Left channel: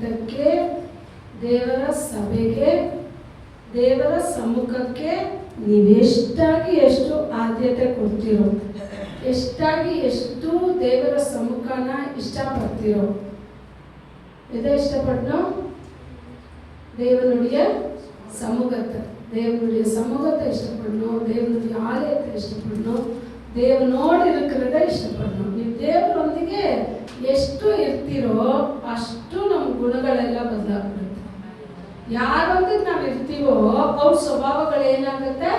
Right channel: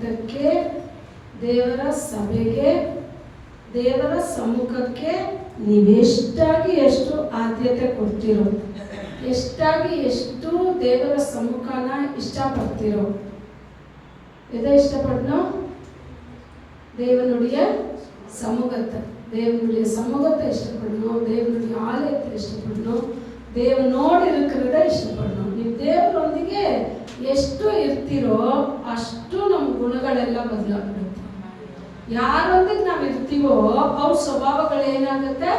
ರಕ್ತಕ್ಕೆ, ದೇವರ ಸಭೆಗೆ, ದೇವರ ಸಮ್ಮುಖಕ್ಕೆ ನೀವೆಷ್ಟಾಗಿ ಎಷ್ಟು ಆದ್ಯತೆ ಕೊಡ್ತೀರೋ, ಎಷ್ಟಾಗಿ ಎಷ್ಟು ದೇವರ ಸಮ್ಮುಖನ ಇಷ್ಟಪಡ್ತೀರೋ. ಇದೇ ಇಷ್ಟಪಟ್ಟು தேவனுடைய சமூகத்தை இஷ்டப்படணும், தேவனுடைய ஆலயத்தை இஷ்டப்படணும், ದೇವನೋடு இருக்கிறத ಇಷ್ಟಪಡணும். ನೀವು ದೇವರೊಂದಿಗೆ ಎಷ್ಟು ಇರ್ತೀರೋ ಅಷ್ಟು ನಮ್ಮ ಗುಣಗಳೆಲ್ಲ ಬದಲಾಗ್ಬಿಡುತ್ತೆ. ಯಾರೊಂದಿಗೆ ನಾವು ಇರ್ತೀವೋ ಅವ್ರ ಸ್ವಭಾವಗಳು ಏನಾಗುತ್ತೆ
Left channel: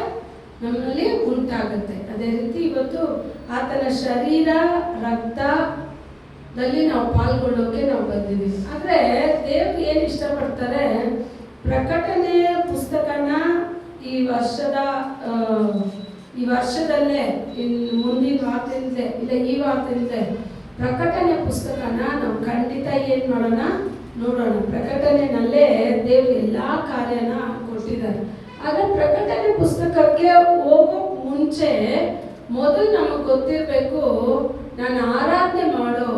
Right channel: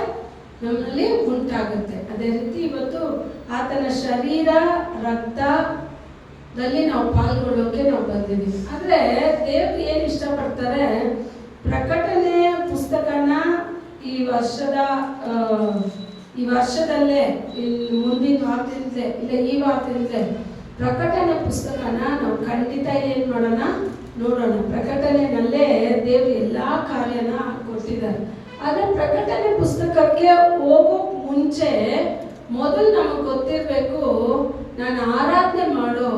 ನಮ್ಮಲ್ಲಿ ಉಂಟಾಗುತ್ತೆ. ಅದೇ ರೀತಿ ಇವತ್ತು ಆತನ ಶರೀರ ರಕ್ತದಲ್ಲಿ ನಾವು ಪಾಲ್ಗೊಳ್ಳೋಕೆ ನಾವು ಬಂದಿದ್ದೀವಿ. ಆದರೆ ದೇವರು ಏನು ಇಷ್ಟಪಡ್ತಾರೆ, ಪ್ರಕಟಣೆಯ ಪುಸ್ತಕನ ಈ ವರ್ಷದಲ್ಲೇ ಮುಂದಿನ ವಾರದಿಂದಲೇ ಇಲ್ಲ ಈ ವಾರದಿಂದಲೇ ಪ್ರಕಟಣೆ ಪುಸ್ತಕನ ನಾವು ಖಂಡಿತ ಏನು ಮಾಡೋಣ, ನೋಡೋಣ. ಪ್ರಕಟಣೆನಲ್ಲೇ ದೇವರು ಎಲ್ಲ ಕಾರ್ಯನ ಕೊಟ್ಟಿದ್ದಾರೆ. ಆದರೆ ಪ್ರಕಟಣೆ ಪುಸ್ತಕಕ್ಕೆ ಹೋಗೋ ಮುಂಚೆ ಮೊದಲು ನಮಗೆ ಗೊತ್ತಿರಬೇಕು, ನಾನು ಆರಾಧನೆ ಮಾಡೋ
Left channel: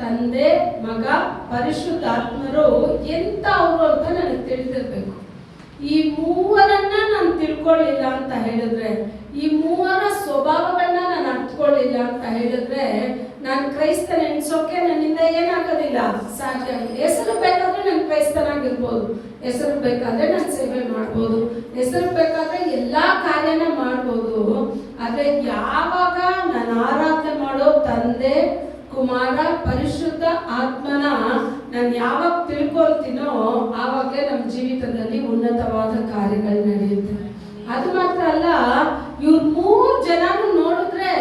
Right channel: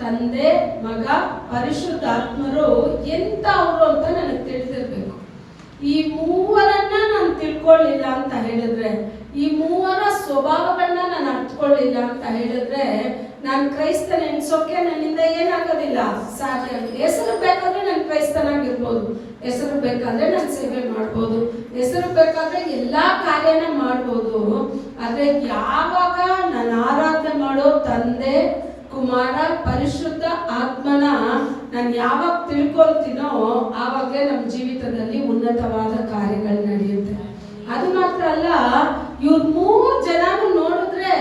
ತಂದೆ, ಮಗ, ಪರಿಶುದ್ಧಾತ್ಮರು ಎಂಥವ್ರು ಅಂತ ನನಗೆ ತಿಳಿದಿರ್ಬೇಕು. ಈ ಮೂವರನ್ನ ನಾನು ತಿಳ್ಕೊಳ್ಳಿಲ್ಲ ಅಂತ ಹೇಳಿದ್ರೆ, ಈ ಮೂವರ ಸ್ವಭಾವಗಳನ್ನ ನಾನು ಅರ್ಥಕೊಳ್ಳಿಲ್ಲ ಅಂತ ಹೇಳಿದ್ರೆ, ನಾನು ಕ್ರೈಸ್ತನ ಎನ್ಸೋಕೆ ನನ್ನಿಂದ ಏನಾಗೋದಿಲ್ಲ, ಸಾಧ್ಯ. ಹೆಸರು ಬೇಕಾದ್ರೆ ನಾನು ಕ್ರೈಸ್ತನಾಗಿರ್ಬೋದು, ಹೆಸರು ಬೇಕಾದ್ರೆ ನಾನು ಸೇವೆ ಮಾಡ್ಬೋದು, ಹೆಸರು ಬೇಕಾದ್ರೆ ಎಲ್ಲಾ ಕಾರ್ಯನ ಮಾಡ್ಬೋದು. ಆದ್ರೆ ಯಾವಾಗ ನಾನು ಆರಾಧನೆ ಮಾಡೋ ತಂದೆ, ಕುಮಾರ, ಪರಿಶುದ್ಧ ಆತ್ಮನ ನಾನು ಯಾವಾಗ ತಿಳ್ಕೊಳ್ತೀನೋ ಆವಾಗಲೇ ನಮ್ಮ ಜೀವಿತದಲ್ಲಿ ಉನ್ನತವಾದ ಕಾರ್ಯಗಳು ನಡೆಯುತ್ತೆ. ಅದು ಮಾತ್ರ ಅಲ್ಲ, ಇವ್ರು 3 ಜನನು ನೋಡಿದ್ರೆ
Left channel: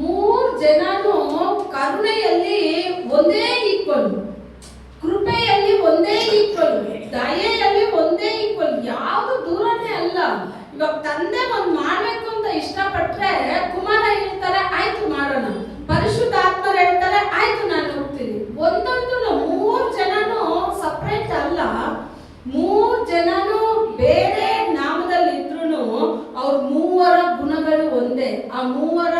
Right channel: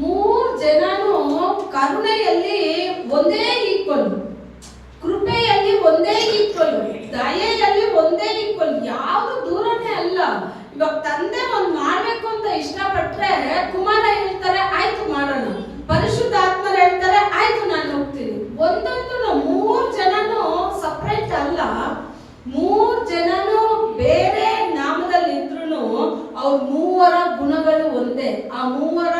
3 ಜನನು ಕರುಣೆಯಲ್ಲಿ ಒಂದೇ ಈಕ್ವಲ್, ಕೃಪೆಯಲ್ಲಿ ಒಂದೇ ಈಕ್ವಲ್, ದಯೆಯಲ್ಲಿ ಒಂದೇ ಈಕ್ವಲ್, ಯಾವುದು ದೂರನೇ ಅಲ್ಲ. ಇವಾಗ ತಂದೆ ಒಂದು ಮಾಡ್ಬೇಕು ಅಂತ ಇಷ್ಟಪಟ್ರೆ ಕುಮಾರ ಹೇಳ್ತಾರೆ ಆಯ್ತು ಮಾಡೋಣ, ಪರಿಶುದ್ಧ ಆತ್ಮರು ಹೇಳ್ತಾರೆ ಆಯ್ತು ನಾನು ಹೋಗ್ತೀನಿ. ಒಂದೊಂದು 3 ಜನನು ಸಪ್ರೇಟ್ ಅಲ್ಲ, 3 ಜನನು ಬೇರೆ ನಾಮದಲ್ಲಿ ಇದ್ರು ಅವ್ರ ಮೂವರ ಗುಣಗಳು ಒಂದೇ, ಆ ಮೂವರ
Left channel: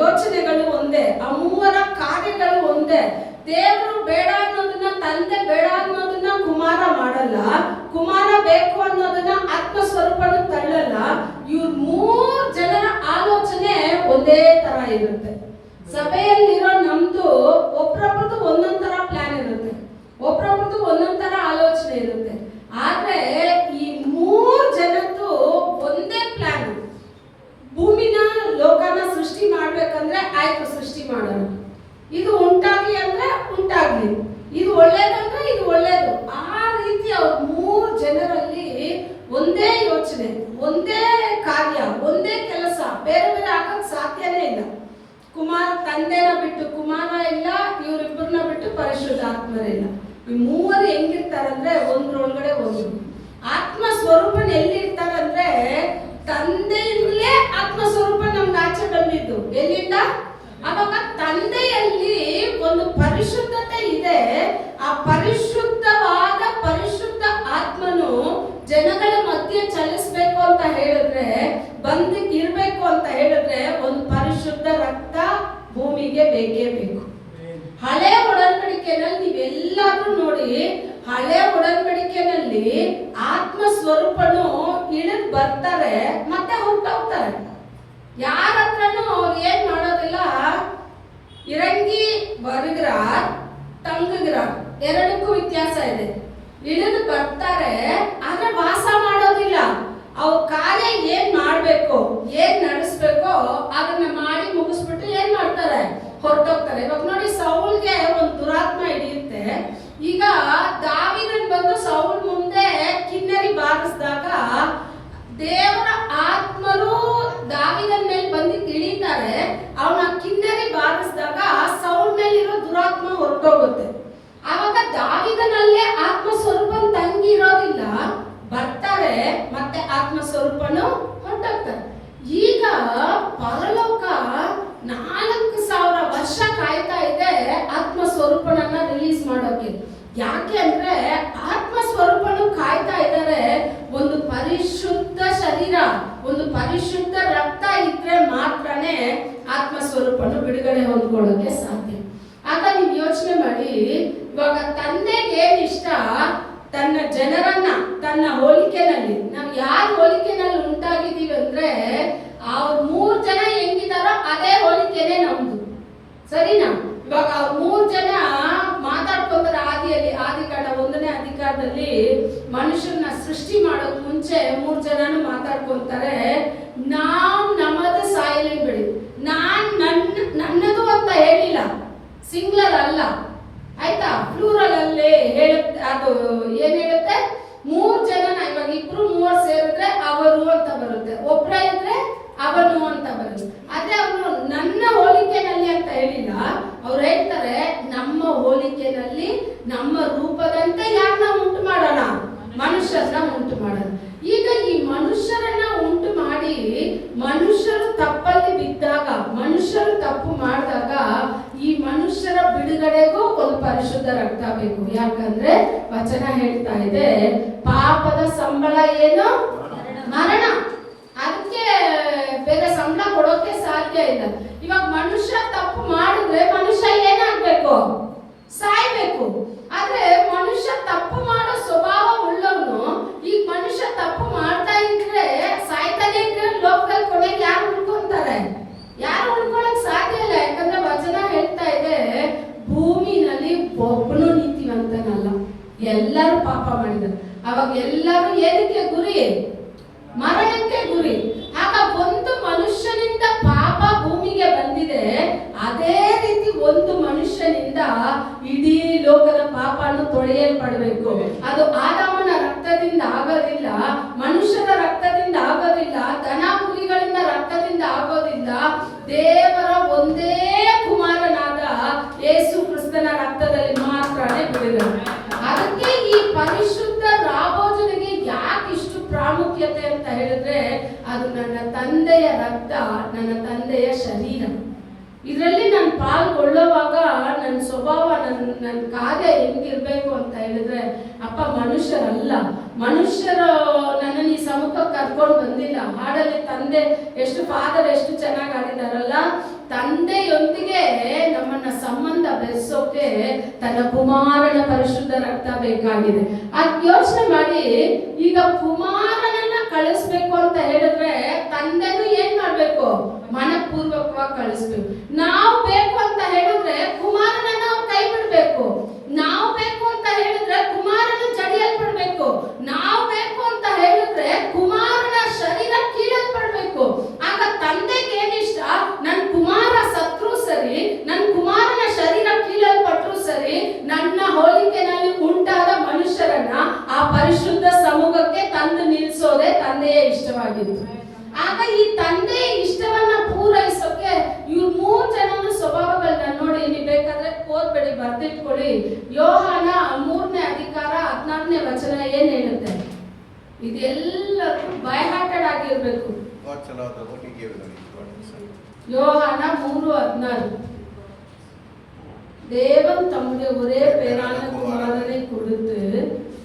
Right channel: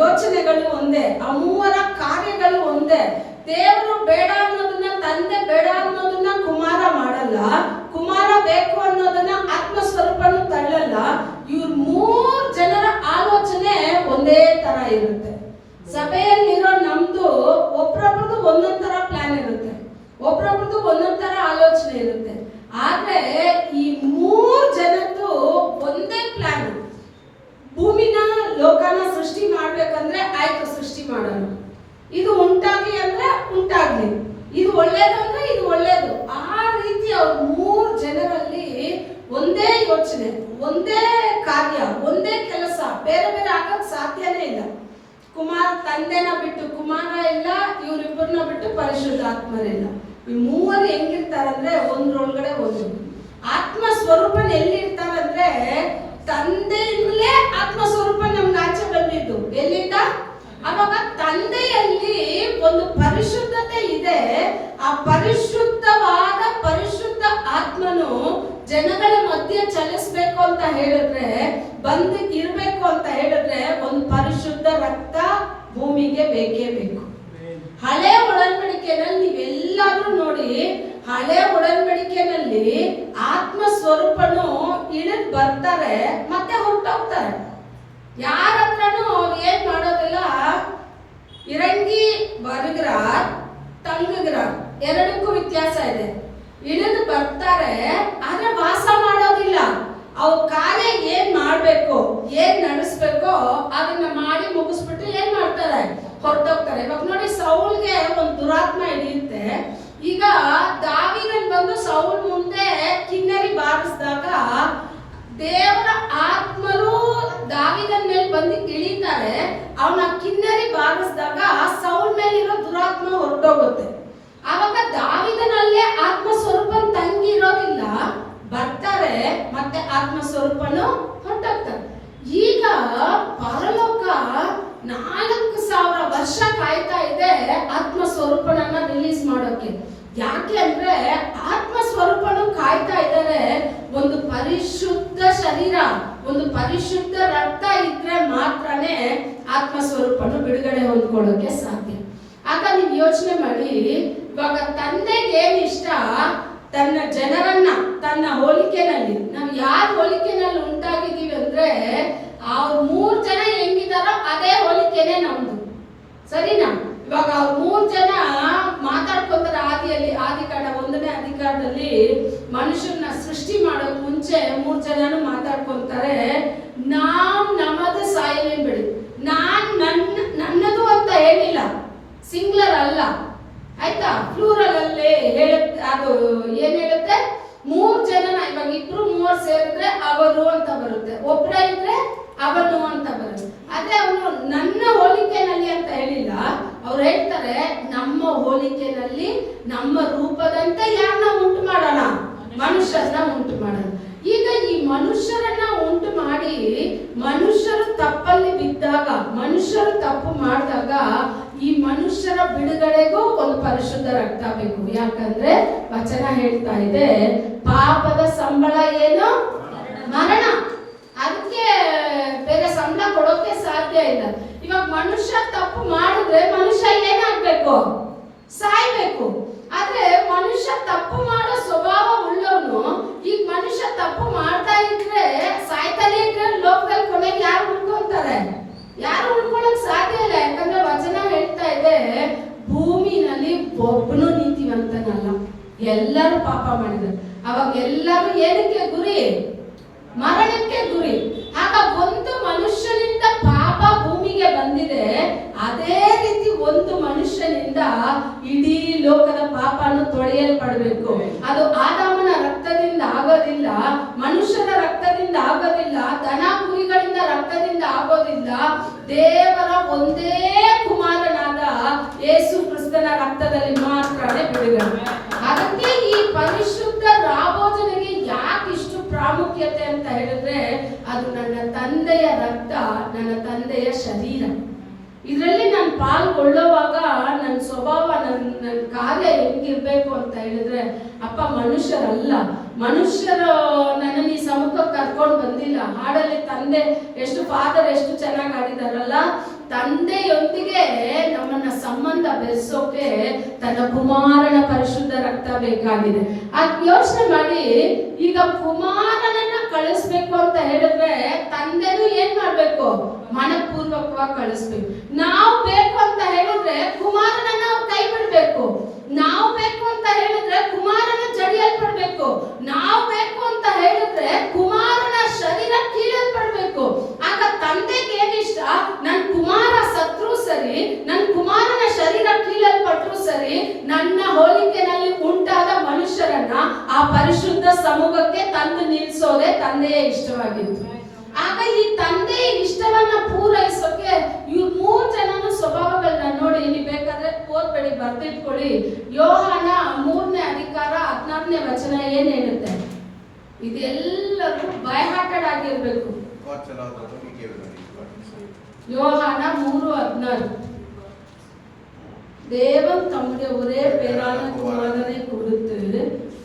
ಯೋಚನೆಗಳು ಒಂದೇ, ಆ ಮೂವರ ಕಾರ್ಯಗಳು ಒಂದೇ. ದೇವರು ಬೇಡ ಅನ್ನೋದನ್ನ ತಂದೆ ಬೇಡ ಅನ್ನೋದನ್ನ ಕುಮಾರ ಮಾಡಲ್ಲ, ಕುಮಾರ ಬೇಕು ಅನ್ನೋದನ್ನ ಆತ್ಮ ಸ್ವರೂಪನು ತಳ್ಳಲ್ಲ. ಇವ್ರ 3 ಜನರ ಆಲೋಚನೆ ಒಂದೇ ತರ ಇರುತ್ತೆ. ಸಭೆಯಲ್ಲಿರೋ ನಮ್ದು ಒಬ್ರೊಬ್ರದ್ದು ಒಂದೊಂದ್ ತರ ಪ್ಲಾನ್ ಇರುತ್ತೆ, ಒಬ್ರೊಬ್ರದ್ದು ಒಂದೊಂದ್ ತರ ಆಲೋಚನೆ ಇರುತ್ತೆ. ಆದ್ರೆ ಈ 3 ಜನದ್ದು ಒಂದೇ ಪ್ಲಾನ್. ಭೂಮಿನ ಲೋಕನ ಸೃಷ್ಟಿ ಮಾಡ್ಬೇಕಂದ್ರೆ ಆಯ್ತು ಸೃಷ್ಟಿ ಮಾಡೋಣ, ಇದು ಉಂಟಾಗ್ಲಿ ಅಂದ್ರೆ ಉಂಟಾಗ್ಲಿ, ಇದು ಒಳ್ಳೇದು ಅಂದ್ರೆ ಇದು ಒಳ್ಳೇದು. ಆ ರೀತಿ ಅವ್ರ 3 ಜನರಲ್ಲಿ ಒಂದೇ ಯೋಚನೆ, ಒಂದೇ ಕಾರ್ಯ, ಒಂದೇ ಕೆಲಸ, ಬೇರೆ ಬೇರೆ ಆಗಕ್ ಸಾಧ್ಯನೇ ಇಲ್ಲ. ಕುಮಾರ ತಂದೆನ ಬಿಟ್ಟು ಕುಮಾರ ಇಲ್ಲ, ಇವರಿಬ್ಬರನ್ನ ಬಿಟ್ಟು ಪರಿಶುದ್ಧಾತ್ಮರಿಲ್ಲ. ಈ 3 ಹೆಂಗಿರ್ತಾರಂದ್ರೆ ಒಂದ್ರೊಳಗಡೆ ಒಂದು. ಆತ್ಮ ಸ್ವರೂಪನ ಎಲ್ಲಿರ್ತಾರಂದ್ರೆ ತಂದೆಯಿಂದಲೇ ಆತ್ಮ ಸ್ವರೂಪ ನಮ್ಗೆ ಆಚೆ ಬಂದಿದ್ದು. ಎಲ್ಲಿಂದ? ಅವಾಗ ತಂದೆಯಲ್ಲಿ ಒಂದು ಪರಿಶುದ್ಧತೆ ಇದೆ. ಆ ಪರಿಶುದ್ಧವಾದ ಪರಿಶುದ್ಧ ಆತ್ಮನು ಜನಗಳ ಮಧ್ಯೆ ಚಲಿಸ್ಬೇಕು ಅಂತ ಹೇಳಿದ್ರೆ, ಬಂದು ಇರ್ಬೇಕು ಅಂತ ಹೇಳಿದ್ರೆ, ಒಂದು ಪರಿಶುದ್ಧ ರಕ್ತ ಭೂಮಿಗೆ ಬೇಕೇ ಬೇಕು. ಹಳೆ ಒಡಂಬಡಿಕೆನಲ್ಲಿ ನೀವೆಲ್ಲಾದ್ರೂ ನೋಡಿ, ಹಳೆ ಒಡಂಬಡಿಕೆನಲ್ಲಿ ಆತ್ಮ ಸ್ವರೂಪನು ಇಳಿದು ಬರ್ತಾರೆ, ಮತ್ತೆ ಹೊರಟೋಗ್ತಾರೆ. ಯಾರ ಹತ್ರನೂ ಏನ್ ಮಾಡೋದಿಲ್ಲ, ಇರಂಗಿ ಬರುಗ್ರಾರ್ ತಂಗುಗ್ರಾರ್ ಎರಡಕ್ಕೂ ವ್ಯತ್ಯಾಸ ಇದೆ. ಇಳಿದು ಬರ್ತಾರೆ, ಆದ್ರೆ ವಾಸ ಮಾಡೋದಿಲ್ಲ. ಅವು ಕಾರ್ಯ ಏನ್ ಮಾಡ್ಬೇಕು, ಏನ್ ನಡೆಸ್ಬೇಕೋ ಅದನ್ನ ಮಾಡಿ ಮುಗಿಸ್ಬಿಟ್ಟು ಏನ್ ಮಾಡ್ತಾರೆ, ಹೊರಟೋಗ್ತಾರೆ. ಇವಾಗ ನೋಡಿ, ಸೌಲ್ಗೆ ಒಂದು ದುರಾತ್ಮ ಹಿಡಿಯುತ್ತೆ. ಈಗ ದಾವೀದನ್ ಬಂದು ಸೌಲ್ ಮುಂದೆ ಕಿನ್ನರಿ ಬಾರಿಸಿದಾಗ ದೇವರ ಆತ್ಮರು ದಾವೀದನ್ ಮೇಲೆ ಬಂದು ಇಳಿತಾರೆ. ಅವನ ಕಿನ್ನರಿ ಬಾರಿಸಿದಾಗ ಸೌಲ್ ಮೇಲಿರೋ ದುರಾತ್ಮ ಹೊರಟೋಗುತ್ತೆ. ಆವಾಗ ದಾವೀದನಲ್ಲೇ ಆತ್ಮ ಸ್ವರೂಪ ತಂಗಿ ಇರೋದಿಲ್ಲ, ಬರ್ತಾರೆ, ಮತ್ತೆ ಆತ್ಮ ಸ್ವರೂಪನು ಹೊರಟೋಗ್ತಾರೆ. ಈಗ ಪರಲೋಕ 4000 ವರ್ಷ ಕಾಯ್ತಾ ಇದೆ ಆತ್ಮ ಸ್ವರೂಪನನ್ನ ರಿಲೀಸ್ ಮಾಡೋಕೆ. ಯಾಕೆ ಅಂದ್ರೆ ಆತ್ಮ ಸ್ವರೂಪನು ಕಾಯ್ತಾ ಇದ್ದಾರೆ. ಒಂದು ಪರಿಶುದ್ಧ ಶರೀರ, ಒಂದು ಪರಿಶುದ್ಧ ರಕ್ತ ಇದ್ರೆ ಮಾತ್ರನೇ ಆತ್ಮ ಸ್ವರೂಪನು ಬಿಡುಗಡೆ ಹೊಂದ್ಕೊಳ್ಳೋಕೆ ಸಾಧ್ಯ. ಆಗ ನೀವು ಯೋಚನೆ ಮಾಡಿ, ಇವಾಗ ತಂದೆಗೆ ಏನ್ ಇಷ್ಟ? ತನ್ನ ಜನರನ್ನ ತನ್ನ ಹೋಲಿಕೆನಲ್ಲಿ, ನಾವು ಯಾರ ಹೋಲಿಕೆನಲ್ಲಿ ಉಂಟಾಗಿದ್ದೀವಿ ಅಂದ್ರೆ ಅವ್ರ 3 ಜನ ಹೆಂಗಿದಾರೋ ಅದೇ ಹೋಲಿಕೆನೆ ನಮ್ದು, ಸರಿನಾ? ಇವಾಗ ಅವ್ರ 3 ಜನ ಮಾತಾಡ್ಕೊಂತಾರೆ. ಆದಿಕಾಂಡ 1ನೇ ಅಧಿಕಾರದಲ್ಲಿ ಮನುಷ್ಯನ ಸೃಷ್ಟಿ ಮಾಡೋಕ್ ಮುಂಚೆ 3 ಜನನು ಮಾತಾಡ್ಕೊಂತಾರೆ. ನಮ್ಮದು ಸಾಯಲೇನ್ ಬಿಡಿ, ನನ್ನದು ಅಂತ ಹೇಳಿಲ್ಲ, ಸಿಂಗ್ಲರ್ ಅಲ್ಲ ಆಯ್ತಾ, ಪ್ಲೂರಲ್ ಅಲ್ಲೇ ಹೇಳುತ್ತೆ. ಅದು ಏನ್ ಹೇಳುತ್ತೆ? 3 ಜನನ, ಇವಾಗ 2-3 ಸೇರಿದ್ರೆ ಅವರು ಅಂತ ಬರುತ್ತೆ, ಒಬ್ರ ಇದ್ರೆ ಅವನು ಅಂತ ಬರುತ್ತೆ. ಅದೇ ಅವರು ನನ್ನ ಹೋಲಿಕೆನಲ್ಲಿ ಅಂತ ಹೇಳಿಲ್ಲ, ಅವ್ರು ಹೇಳ್ತಾರೆ ನಮ್ಮ ಹೋಲಿಕೆನಲ್ಲಿ ನಮ್ಮ ರೂಪದಂತೆ ಯಾರನ್ನ ಉಂಟು ಮಾಡೋಣ? ಮನುಷ್ಯರನ್ನ ಉಂಟು ಮಾಡೋಣ. ಈಗ ಈ ಮನುಷ್ಯರನ್ನ ಉಂಟು ಮಾಡಿ ಮನುಷ್ಯರು ತಪ್ಪಲ್ಲಿ ಬಿದ್ದಾಗ, ಮನುಷ್ಯರು ತಪ್ಪು ಮಾಡಿದಾಗ ಈ ಮನುಷ್ಯರ ಬಿಡುಗಡೆಗೂ ಒಂದು ಪರಿಶುದ್ಧ ರಕ್ತ ಬೇಕು. ಯಾಕಂದ್ರೆ ವಚನ ಹೇಳ್ತಾ ಇದೆ, ಪಾಪದ ಸಂಬಳ ಏನು? ಮರಣ. ಅದಕ್ಕೆ ಬೇರೆ ಸಂಬಳ ಕೊಡೋಕೆ ಸಾಧ್ಯ ಇಲ್ಲ. ಇವಾಗ ಮನುಷ್ಯ ತಪ್ಪು ಮಾಡಿದ್ರೆ ಮನುಷ್ಯ ಏನಾಗ್ಬೇಕು? ಸಾಯ್ಬೇಕು. ಆದ್ರೆ ಮನುಷ್ಯ ತಪ್ಪು ಮಾಡೋ ಸ್ವಭಾವ ಉಳ್ಳವನು, ಈಗ ಮನುಷ್ಯ ತಪ್ಪು ಮಾಡ್ತಾ ಇದ್ರೆ ಸಾಯ್ತಾನೆ ಇದ್ರೆ ಲೋಕದಲ್ಲಿ ಕೊನೆಗೆ ಯಾರು ಉಳ್ಕೊಂತಾರೆ? ಯಾರು ಉಳ್ಕೊಳಕ್ ಸಾಧ್ಯ ಇಲ್ಲ. ಯಾಕಂದ್ರೆ ವಚನ ಹೇಳ್ತಾ ಇದೆ, ಭೂಮಿನಲ್ಲಿ ಒಬ್ಬನು ನೀತಿವಂತನಲ್ಲ, ಎಲ್ಲರೂ ಪಾಪ ಮಾಡಿದ್ರು. ಅವಾಗ ಎಲ್ಲರೂ ಏನಕ್ಕೆ ಗುರಿ? ಮರಣಕ್ಕೆ ಗುರಿ. ಆಗ ಒಂದು ಮನುಷ್ಯನಿಂದ ಪಾಪ ಭೂಮಿಗೆ ಬಂದಿದೆ, ಅದೇ ರೀತಿ ಒಂದು ಮನುಷ್ಯನಿಂದ ಇಡೀ ಲೋಕದ ಪಾಪವನ್ನು ತೊಳೆಯಲ್ಪಡಬೇಕು. ಅದು ಆದಾಮನ ರಕ್ತದಿಂದ ಆಗೋದಿಲ್ಲ, ಮನುಷ್ಯರ ರಕ್ತದಿಂದ ಆಗೋದಿಲ್ಲ, ದನ ಕುರಿಗಳಿಂದ ರಕ್ತದಿಂದ ಆಗೋದಿಲ್ಲ. ದೇವರ ಒಂದೇ ಕುಮಾರನಾದ ಯೇಸು ಕ್ರಿಸ್ತನ ರಕ್ತದಲ್ಲಿ ಮಾತ್ರನೇ ಬಿಡುಗಡೆ. ಅದಕ್ಕೆ ಈ ಪರಿಶುದ್ಧ ರಾಭೋಜನೆಗೆ ಯಾಕೆ ಇಷ್ಟು ಪ್ರಾಮುಖ್ಯತೆ ಅಂತ ಹೇಳಿದ್ರೆ, ಅದು ನನ್ನ ತಂದೆಯ ರಕ್ತ, ನನ್ನ ತಂದೆಯ ಶರೀರ. ಇದರಲ್ಲಿ ನಾನು ಪಾಲ್ಗೊಳ್ಳುವಾಗ ನನ್ನ ಸ್ವಭಾವ, ನನ್ನ ಕಾರ್ಯ ಹೆಂಗಿರ್ಬೇಕು ಅಂತ ಹೇಳಿದ್ರೆ, ಅಪ್ಪ ಮನುಷ್ಯರಲ್ಲ, ಮನುಷ್ಯರು ನನ್ನನ್ನು ಈ ಸಮ್ಮುಖಕ್ಕೆ ಕರ್ಕೊಂಡು ಬಂದಿಲ್ಲ. ಹಾಡಲ್ಲಿ ತಂದೆ ಎಷ್ಟು, ಫಾದರ್ ಎಷ್ಟು ಚೆನ್ನಾಗಿ ಹಾಡಿದಾರಲ್ಲ, ತಂದೆಯೊಂದಿಗೆ ನಮ್ಮನ್ನ ಸಂಬಂಧ ಬೆಳೆಸೋಕೆ ತನ್ನ ಕುಮಾರನ ಪರಿಶುದ್ಧ ರಕ್ತ ಬೇಕಾಗಿದೆ. ಅದ್ ಯೋಚನೆ ಮಾಡಿ, ಈಗ ಕುಮಾರನನ್ನ ಕಳಿಸ್ಬೇಕು ಅಂತ ಹೇಳಿದ್ರೆ ತಂದೆನೂ ಏನ್ ಮಾಡ್ಬೇಕು? ಮನಪೂರ್ವಕವಾಗಿ ಕಳಿಸ್ಬೇಕು. ನಾವು ಬೇಕು ಅಂತ ಹೇಳಿದ್ರೆ ಕುಮಾರನನ್ನ ಕೈ ಬಿಡ್ಬೇಕು. ನಾವು ಬೇಕು ಅಂತ ಹೇಳಿದ್ರೆ ಕುಮಾರನ ಜಡಿಯಲ್ಪಡ್ಬೇಕು. ನಾವು ಬೇಕು ಅಂತ ಹೇಳಿದ್ರೆ ಕುಮಾರನ ಶರೀರ ಕೀಳಲ್ಪಡ್ಬೇಕು. ಆಗ ತಂದೆಗೆ ಏನಿಷ್ಟ? ನನ್ನ ಕುಮಾರ ಸತ್ರು ಸರಿ, ನನ್ನ ಕುಮಾರನ ಶರೀರ ಕೀಳಲ್ಪಟ್ರು ಸರಿ, ನನ್ನ ಹೋಲಿಕೆನಲ್ಲಿ ಉಂಟಾದ ಮನುಷ್ಯರನ್ನ ಆ ಪರಿಶುದ್ಧ ಸಮೂಹಕ್ಕೆ ತಂದು ನಿಲ್ಲಿಸೋದೇ ತಂದೆಯೇ ಇಷ್ಟವಾಗಿತ್ತು. ಆಗ ಈ ತಂದೆಯ ಇಷ್ಟವನ್ನ ಪೂರೈಸೋಕೆ ಇವ್ರು 3 ಜನನ ಸ್ವಭಾವಗಳನ್ನ ನೋಡಿ, ನೀವು ಬೇಕಾದ್ರೆ ಓದ್ಬೇಡಿ, ಬರ್ದಿಟ್ಕೊಳ್ಳಿ. ಯೋಹಾನ 3ನೇ ಅಧಿಕಾರ 14ನೇ ವಚನ ಏನ್ ಹೇಳುತ್ತೆ? ಇದೆಲ್ಲರೂ ಬೈ ಹಾರ್ಟೆಡ್ ಆಗಿರ್ಬೇಕು. யோவானா 3:16 தேவன் தம்முடைய ஒரே பேரான குமாரனை கொடுத்து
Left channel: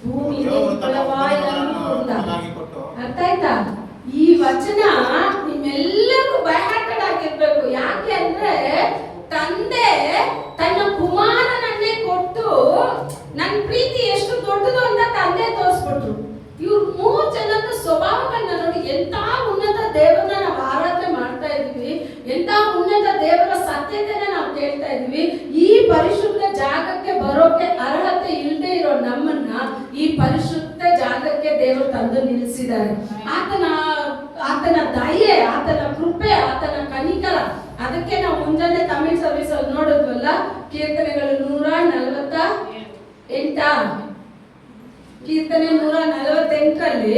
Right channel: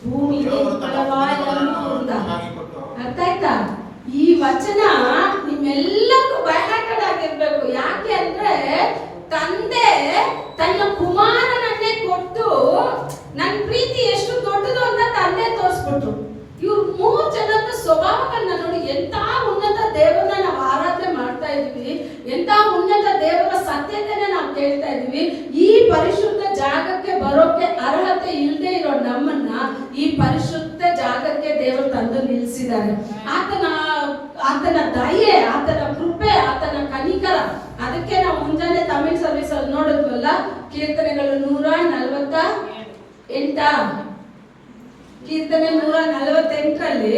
ಭೂಮಿಗೆ ಫಲವಾಯಿ ಅನುಕೂಲ. ಅರ್ಥ ಆಯ್ತಾ? ಈ ವಚನ ನಿಮ್ಮೆಲ್ಲರಿಗೂ ಬೈಹಾರ್ಟೆಡ್ ಆಗಿರ್ಬೇಕು. ಯಾಕೆ ಅಂದ್ರೆ ತಂದೆ ತನ್ನ ಕುಮಾರನನ್ನೇ ಕೊಟ್ಟು ನನ್ನ ಪ್ರೀತಿ ಎಷ್ಟು ದೊಡ್ಡದು ಅಂತ ತಂದೆ ತೋರಿಸ್ಬಿಟ್ರು. ಇವ್ರು 3 ಜನದ ಸ್ವಭಾವಗಳನ್ನ ನೋಡಿ, ಎಂತ ಉನ್ನತ ದೇವರನ್ನ ನಾವು ಆರಾಧನೆ ಮಾಡ್ತಾ ಇದ್ವಿ, ಎಂತ ಉನ್ನತ ದೇವರ ಸತ್ಯತೆನ ನಾವು ಕೇಳ್ತಾ ಇದ್ವಿ. ಈ ಪರಿಶುದ್ಧ ಜಾಗಕ್ಕೆ ಬರೋಕೆ ಅರ್ಹತೆ ಇಲ್ಲದೆ ಇರೋ ನಮ್ಮನ್ನ ಈ ಪರಿಶುದ್ಧ ಜಾಗಕ್ಕೆ ದೇವರು ತಂದು ನಿಲ್ಲಿಸಿದ್ದಾರೆ. ಆತನ ದಯೆ, ಆತನ ಕೃಪೆ, ಆತನ ಕನಿಕರ. ಅದಕ್ಕೆ ನಾವು ಮುಂಜಾನೆ ತಮಿಳ್ ಸರ್ವಿಸ್ ಅಲ್ಲಿ ನೋಡಿದ್ವಲ್ಲ, ಕೀರ್ತನೆಗಳು 148 ಕೀರ್ತನೆ 148ರಲ್ಲಿ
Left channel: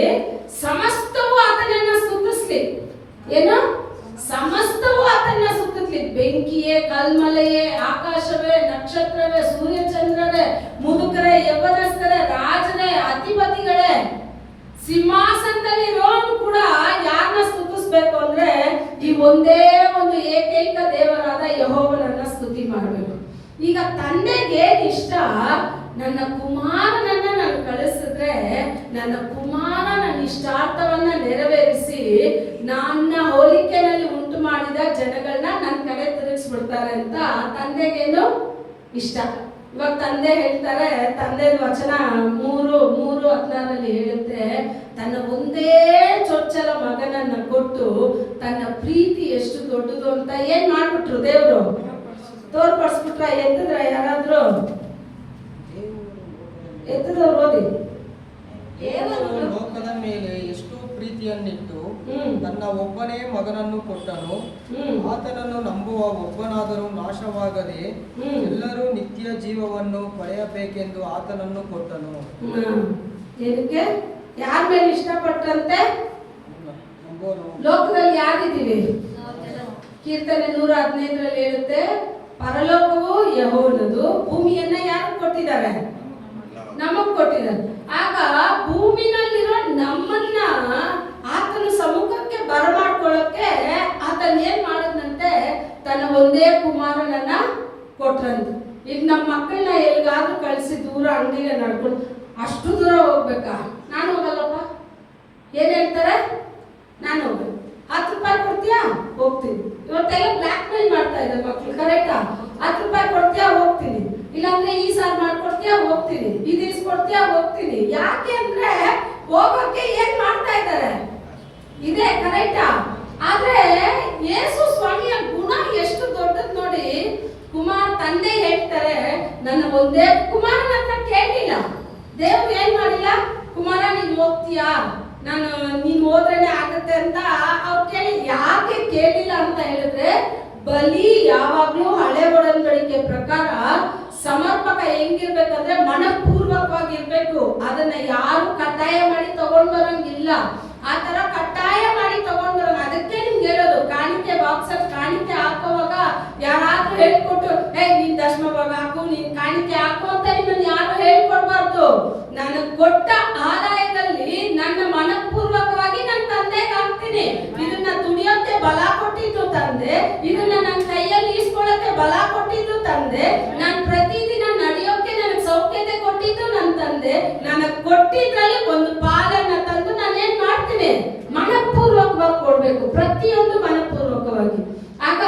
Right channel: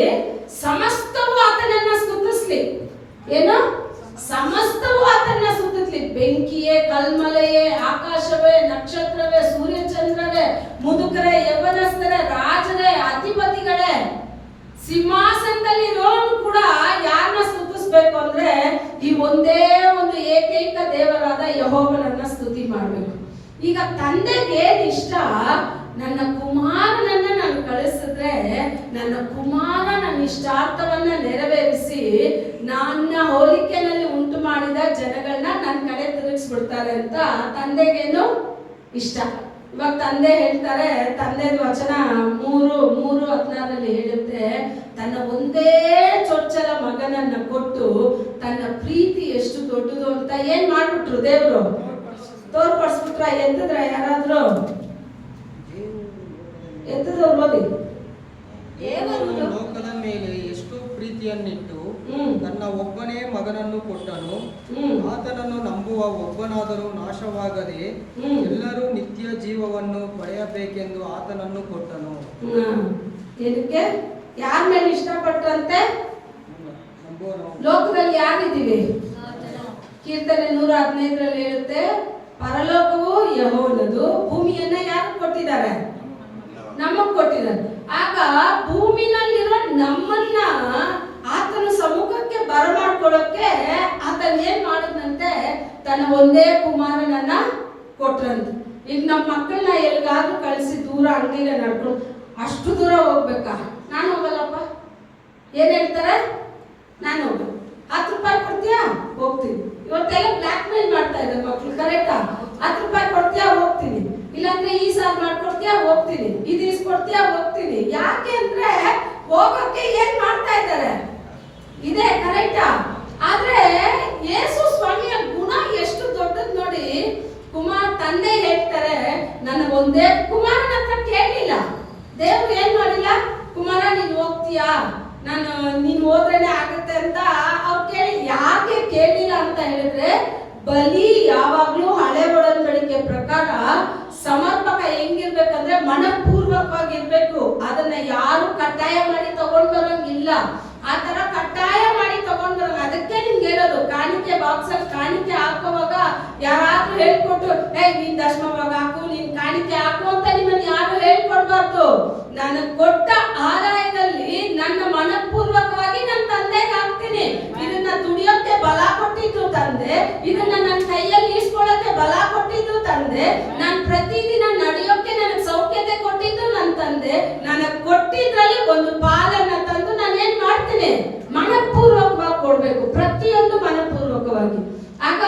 ಸಮಸ್ತವು ಆತನನ್ನ ಸ್ತುತಿಸ್ಲಿ. ಏನು? ಸಮಸ್ತವು ಆತನನ್ನ ಸ್ತುತಿಸ್ಲಿ. ಬೆಂಕಿಯೇ, ಕಲ್ಮಲೆಯೇ, ಆಕಾಶವೇ, ನಕ್ಷತ್ರವೇ, ಸೂರ್ಯಚಂದ್ರರೇ, ಮುದುಕರೇ, ಯೌವನಸ್ಥರೇ, ರಾಜರೇ, ಅಧಿಪತಿಗಳೇ, ಸಿಂಹಾಸನದಲ್ಲಿ ಇರೋನು ಕೂಡ ಯಾರನ್ನ ಸ್ತುತಿಸ್ಬೇಕು ಅಂದ್ರೆ ಈ ಒಂದೇ ಒಂದು ಏಕೈಕ ದೇವರಾದ ಯೆಹೋವನನ್ನ ಸ್ತುತಿ ಮಾಡಬೇಕು. ಈಗ ತಂದೆಗೆ ಇಷ್ಟ, ನನ್ನ ಕುಮಾರನನ್ನ ನಾನು ಕಳಿಸಿದ್ರೆ ನನ್ನ ಕುಮಾರ ನನ್ನ ಇಷ್ಟಾರ್ಥವನ್ನ ನೆರವೇರಿಸಿ ನನ್ನ ಹೋಲಿಕೆನಲ್ಲಿ ಉಂಟು ಮಾಡಿದ ಜನಗಳನ್ನ ನನ್ನ ಕಡೆ ತಿರುಗಿಸ್ಬಿಡ್ತಾರೆ ಅಂತ ತಂದೆಗೇನು ಇಷ್ಟ. ಇವಾಗ ತಂದೆ ಹೇಳ್ತಾರೆ, ತಂದೆ ವಚನ 3:16 ಹೇಳುತ್ತೆ, ತನ್ನ ಒಂದೇ ಚೊಚ್ಚಲ ಮಗನನ್ನ ಕೊಟ್ಟು ತನ್ನ ಪ್ರೀತಿ ಎಷ್ಟು ದೊಡ್ಡದು ಅಂತ ಏನ್ ಮಾಡ್ಬಿಟ್ರು ದೇವರು ತೋರ್ಪಡಿಸ್ಬಿಟ್ರ. ಎತ್ತಿದ್ರ ಯಾರಾದ್ರೂ ಎತ್ತದವ್ರು ಓದಿ. ಲೋಕದ ಮೇಲೆ ಎಷ್ಟು ಪ್ರೀತಿಯನ್ನಿಟ್ಟು ತನ್ನ ಒಬ್ಬನೇ ಮಗನನ್ನು ಕೊಟ್ಟನು, ಆತನನ್ನು ನಂಬುವ ಒಬ್ಬನಾದರೂ ನಾಶವಾಗದೆ ಎಲ್ಲರೂ ನಿತ್ಯ ಜೀವವನ್ನು ಪಡೆಯಬೇಕೆಂದು ಆತನನ್ನು ಕೊಟ್ಟನು. ಇದಕ್ಕೆ ಯಾರ ಮೇಲೆ ಇಷ್ಟಪಟ್ಟಂತೆ? ಲೋಕದಲ್ಲಿ ಯಾರಿದ್ದೀವಿ? ಕೀರ್ತನೆ 115 ಹೇಳುತ್ತೆ, ಪರಲೋಕವು ಯೆಹೋವನದು, ಭೂಮಿಯನ್ನ ಯಾರು ಕೊಟ್ಟಿದ್ದಾರೆ? ನಮಗ್ ಕೊಟ್ಟಿದ್ದಾರೆ. ಆಗ ಭೂಮಿನಲ್ಲಿರೋ ನಮ್ಮನ್ನ ಆತನ ಸಮ್ಮುಖಕ್ಕೆ ಬರಮಾಡ್ಕೊಳ್ಳೋಕೆ ಆತನ ಏನ್ ಮಾಡಿದ್ನಂತೆ? ತನ್ನ ಒಂದೇ ಕುಮಾರನನ್ನ ಕೊಟ್ರಂತೆ. ಈಗ ನಮ್ಮ ಮಕ್ಕಳನ್ನ ಎಲ್ಲಿಗಾದ್ರೂ ಕಳಿಸಿ ದೂರ ಅಂಗಡಿಗೆ ನಡ್ಕೊಂಡು ಅಷ್ಟು ದೂರ ಹೋಗ್ಬೇಕಾ? ನಾನು ಹೋಗಲ್ಲಪ್ಪ. ಏನ್ ಹೇಳ್ತಾರೆ? ನಾನು ಹೋಗಲ್ಲ. 10 ರೂಪಾಯಿ ಕೊಡ್ತೀಯಾ? ಹೋಗ್ತೀನಿ. ಇವತ್ತೆಲ್ಲ ಬ್ಲ್ಯಾಕ್ ಮೇಲ್ ಮಾಡ್ತಾ ಇದ್ದಾರೆ ಮಕ್ಕಳು, ಕರೆಕ್ಟಾ? 10 ರೂಪಾಯಿ ಕೊಡ್ತೀಯಾ? ಹೋಗ್ತೀನಿ. ಇಲ್ಲಾಂದ್ರೆ ಈ ಸಾರ್ ಮಾಡ್ಕೊಡ್ತೀಯಾ? ಹೋಗ್ತೀನಿ. ಇದು ಇಸ್ಕೊಡ್ತೀಯಾ? ಹೋಗ್ತೀನಿ. ಯಾಕೆ ಅಂದ್ರೆ ಹೋಗೋಕೆ ಏನ್ ಮಾಡ್ತಾ ಇದ್ದಾರೆ? ಇದೆ, ಕರೆಕ್ಟಾ? ಆದ್ರೆ ಯೇಸು ಸ್ವಾಮಿಯ ಗುಣ ಎಷ್ಟು ದೊಡ್ಡದ್ ನೋಡಿ. ತಂದೆ ಹೇಳ್ತಾರೆ, ನನ್ನ ಒಂದೇ ಕುಮಾರನ ಹತ್ರ ಕೇಳಿಲ್ಲ. ದೇವ್ರು ಏನ್ ಮಾಡಿಲ್ಲ, ಕುಮಾರ ನೀನ್ ಹೋಗ್ತೀಯಾ, ನೀನ್ ಹೋದ್ರೇನೆ ಆಗತ್ತೆ ಅಂತ ಅವ್ರು ಕೇಳಿ. ಯಾಕೆ ಕೇಳಿಲ್ಲ ಅಂತ ಹೇಳಿದ್ರೆ, ಬಲಿ ಯಾವಾಗ್ಲೂ ಹಳೆ ಒಡಂಬಡಿಕೆ ಪ್ರಕಾರ ಸಮರ್ಪಕ ಹೆಂಗಿರ್ಬೇಕಂದ್ರೆ ಮನಪೂರ್ವಕವಾಗಿರ್ಬೇಕು. ಅದನ್ನ ಯಾರು ಕಡ್ಡಾಯ ಮಾಡಿ ತಗೊಂಡ್ ಬರಂಗಿಲ್ಲ. ಆ ತರ ಕಡ್ಡಾಯ ಮಾಡಿ ತಗೊಂಡ್ ಬರಂಗ. ಅದಕ್ಕೆ ನಿಮ್ಗೆ ಹೇಳೋದು, ಕಾಣಿಕೆ ಬಾಕ್ಸ್ ಕಾಣಿಕೆ ಹಾಕೋವಾಗ ಯಾರಾದ್ರೂ ಹೇಳ್ಕೊಟ್ಟು ನೀನ್ ದಶಮವಾಗ ಹಾಕು, ನೀನ್ ಕಾಣಿಕೆ ಹಾಕು ಅಂತ ನಿಮ್ಮನ್ನ ಯಾರು ಹೇಳ್ಕೊಡ್ಬಾರ್ದು. ನಾನು ಕೊಟ್ಟ ಆದಾಯದಲ್ಲಿ ನನ್ನ ಮನಪೂರ್ವಕವಾಗಿ ನನ್ನ ತಂದೆಗೆ ಹಾಕ್ತೀನಿ. ಇದನ್ನ ದುಡಿಯೋಕೆ ಬಲ ಕೊಟ್ಟಿದ್ದು ತಂದೆ, ಇದನ್ನ ನನ್ನ ಕೈಯಲ್ಲಿ ಈಸ್ಕೊಳ್ಳೋಕೆ ಬಲ ಕೊಟ್ಟಿದ್ದು ತಂದೆ, ನಾನು ಪ್ರತಿದಿನ ನಡೆಯೋಕೆ ನನಗೆ ಸೌಖ್ಯತೆ ಕೊಟ್ಟಿದ್ದು ನನ್ನ ತಂದೆ. ನನಗೆ ಕೊಟ್ಟಿದ್ರಲ್ಲಿ ಒಂದು ಪಾಲನ್ನ ತಂದು ನಾನು ಏನ್ ಮಾಡ್ತೀನಿ? ಮನಪೂರ್ವಕವಾಗಿ ಕೊಡ್ಬೇಕು, ಪ್ರತಿಯೊಂದು ಮನಪೂರ್ವಕವಾಗಿ. ಆಗ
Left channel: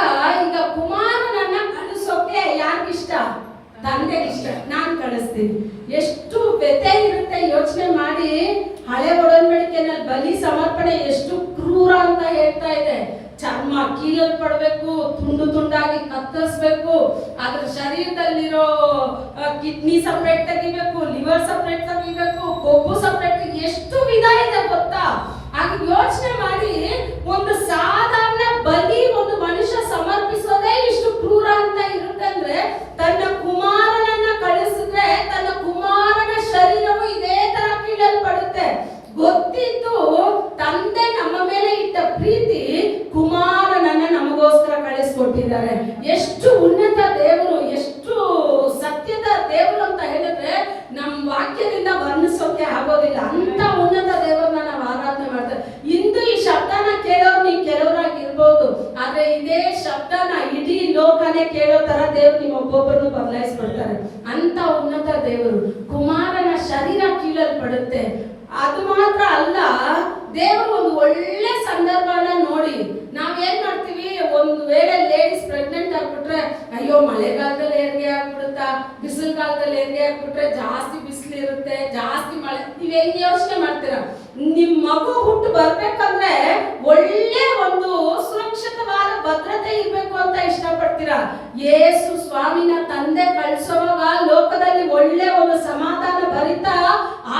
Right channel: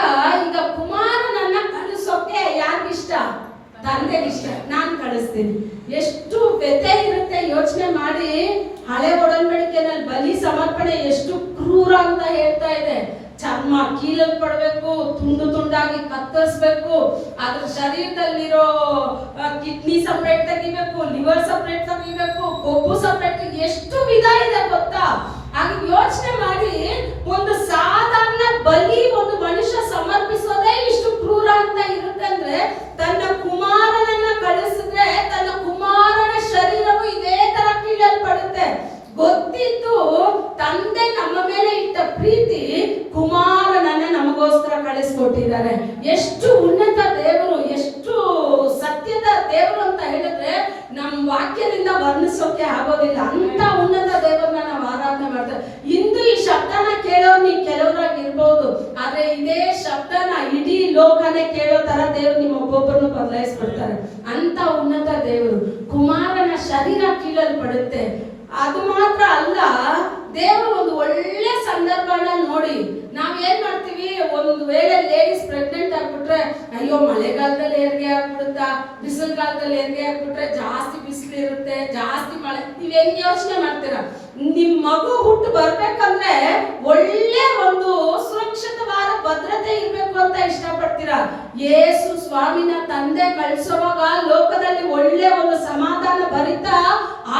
ಈಗ ಕುಮಾರನನ್ನ ಕಳಿಸೋಕೆ ಯಾರಿಗಿಷ್ಟ? ತಂದೆಗಿಷ್ಟ. ನಾನ್ ಕಳಿಸ್ತೀನಿ. ಎಷ್ಟು ವ್ಯಥೆ ಇರುತ್ತೆ ಯೋಚನೆ ಮಾಡಿ. ಹಳೆ ಒಡಂಬಡಿಕೆನಲ್ಲಿ ಬಲಿ ಸಮರ್ಪಣೆ ಎಷ್ಟು ಕ್ರೂರ ಅಂತ ಹೇಳ್ತಾ ಇದೆ. ಚರ್ಮ ಕೀಳಲ್ಪಡ್ಬೇಕು, ತುಂಡು ತುಂಡಾಗಿ ಕತ್ತರಿಸ್ಬೇಕು, ಅದ್ರ ಶರೀರದಲ್ಲಿರೋ ಕಿಡ್ನಿ ಸಪ್ರೇಟ್ ತೆಗಿಬೇಕು, ಲಿವರ್ ಸಪ್ರೇಟ್ ತೆಗಿಬೇಕು, ಕೊಬ್ಬು ಸಪ್ರೇಟ್, ಎಷ್ಟು ವಿಧ ಇದೆ ಗೊತ್ತಾ? ಆಗ ಯೋಚನೆ ಮಾಡಿ, ಒಂದು ಸಾಧಾರಣ ಬಲಿ ಒಂದು ಮನುಷ್ಯ ಸಮರ್ಪಿಸೋದೇ ಇಷ್ಟು ಕ್ರೂರ ಅಂತ ಇರುತ್ತೆ ಅಂದ್ರೆ, ತನ್ನ ಕುಮಾರನನ್ನ ಕಳಿಸಿದ್ರೆ ತನ್ನ ಕುಮಾರನ ಶರೀರವು ಇದೇ ತರ ಕೀಳಲ್ಪಡುತ್ತೆ. ಗೊತ್ತಿದ್ದು ತಂದೆ ನಮ್ಮ ಮೇಲೆ ಇಟ್ಟ ಪ್ರೀತಿ, ಕುಮಾರನನ್ನ ನಮಗೋಸ್ಕರ ಕಳಿಸ್ಕೊಟ್ಟಿದ್ದಾರೆ. ಎಷ್ಟು ಉನ್ನತ ದೇವರು, ಎಷ್ಟು ಸತ್ಯದ ದೇವರು ಅಂತ ಹೇಳಿದ್ರೆ ನಮ್ಮ ವಾಕ್ಯದಿಂದ ವರ್ಣಿಸೋಕೆ ಆಗೋದಿಲ್ಲ. ಅಂತ ಉನ್ನತ ದೇವರನ್ನ ನಾವು ಆರಾಧನೆ ಮಾಡ್ತೇವೆ. ಇಂದು ಈ ಶಬ್ದನ ಕೇಳೋರು ನೀವು ಕೆಲವರಾಗಿರ್ಬೋದು, ಆದ್ರೆ ಇದೇ ಶಬ್ದನ ಇಡೀ ಲೋಕನೇ ಕೇಳೋ ತರ ದೇವರು ನಿಮ್ಮ ಒಬ್ಬೊಬ್ಬರನ್ನು ಬದಲಾಯಿಸ್ಬಿಡ್ತಾರೆ. ಅಂತ ಉನ್ನತ ದೇವರು. ಕುಮಾರನ ಶರೀರ ಕೀಳಲ್ಪಡುತ್ತೆ. ಅದು ಮಾತ್ರ ಅಲ್ಲ, ದೇವರು ಒಂದು ಒಳ್ಳೆ ಸಂದರ್ಭನ ನೋಡಿ ನಾವ್ ಏನ್ ಮಾಡ್ತೀವಿ, ಒಂದು ವೇಳೆ ಲೇಡೀಸ್ ಪ್ರೆಗ್ನೆಂಟ್ ಆಗ್ಬಿಟ್ರೆ, ಅಯ್ಯೋ ಮಳೆಗಾಲದಲ್ಲಿ ಹೆರಿಗೆ ಆಗ್ಬಿಡುತ್ತಾ, ಬಿಸಿಲು ಕಾಲದಲ್ಲಿ ಹೆರಿಗೆ ಆಗ್ಬಿಟ್ರೆ ಜಾಸ್ತಿ ಬಿಸಿಲು ಇರುತ್ತೆ, ಜಾಸ್ತಿ ಮಳೆ, ನೀವ್ ಹೆಂಗ್ ಯೋಚನೆ ಮಾಡ್ತೀರಾ? ನಿಮ್ ಮಗು ಹುಟ್ಟು ಬರ್ಬೇಕಂದ್ರೆ ಒಳ್ಳೆ ಒಂದು ಸುರಕ್ಷಿತವಾದ ಭದ್ರತೆ ಇರ್ಬೇಕು ಅಂತ ಇಷ್ಟಪಡ್ತೀರಾ. ಯೇಸು ಸ್ವಾಮಿನ ತಂದೆ ಕಳಿಸುವಾಗ ಲೋಕದಲ್ಲಿ ಒಳ್ಳೆ ಒಂದು ಸಮಾಧಾನ ಭರಿತ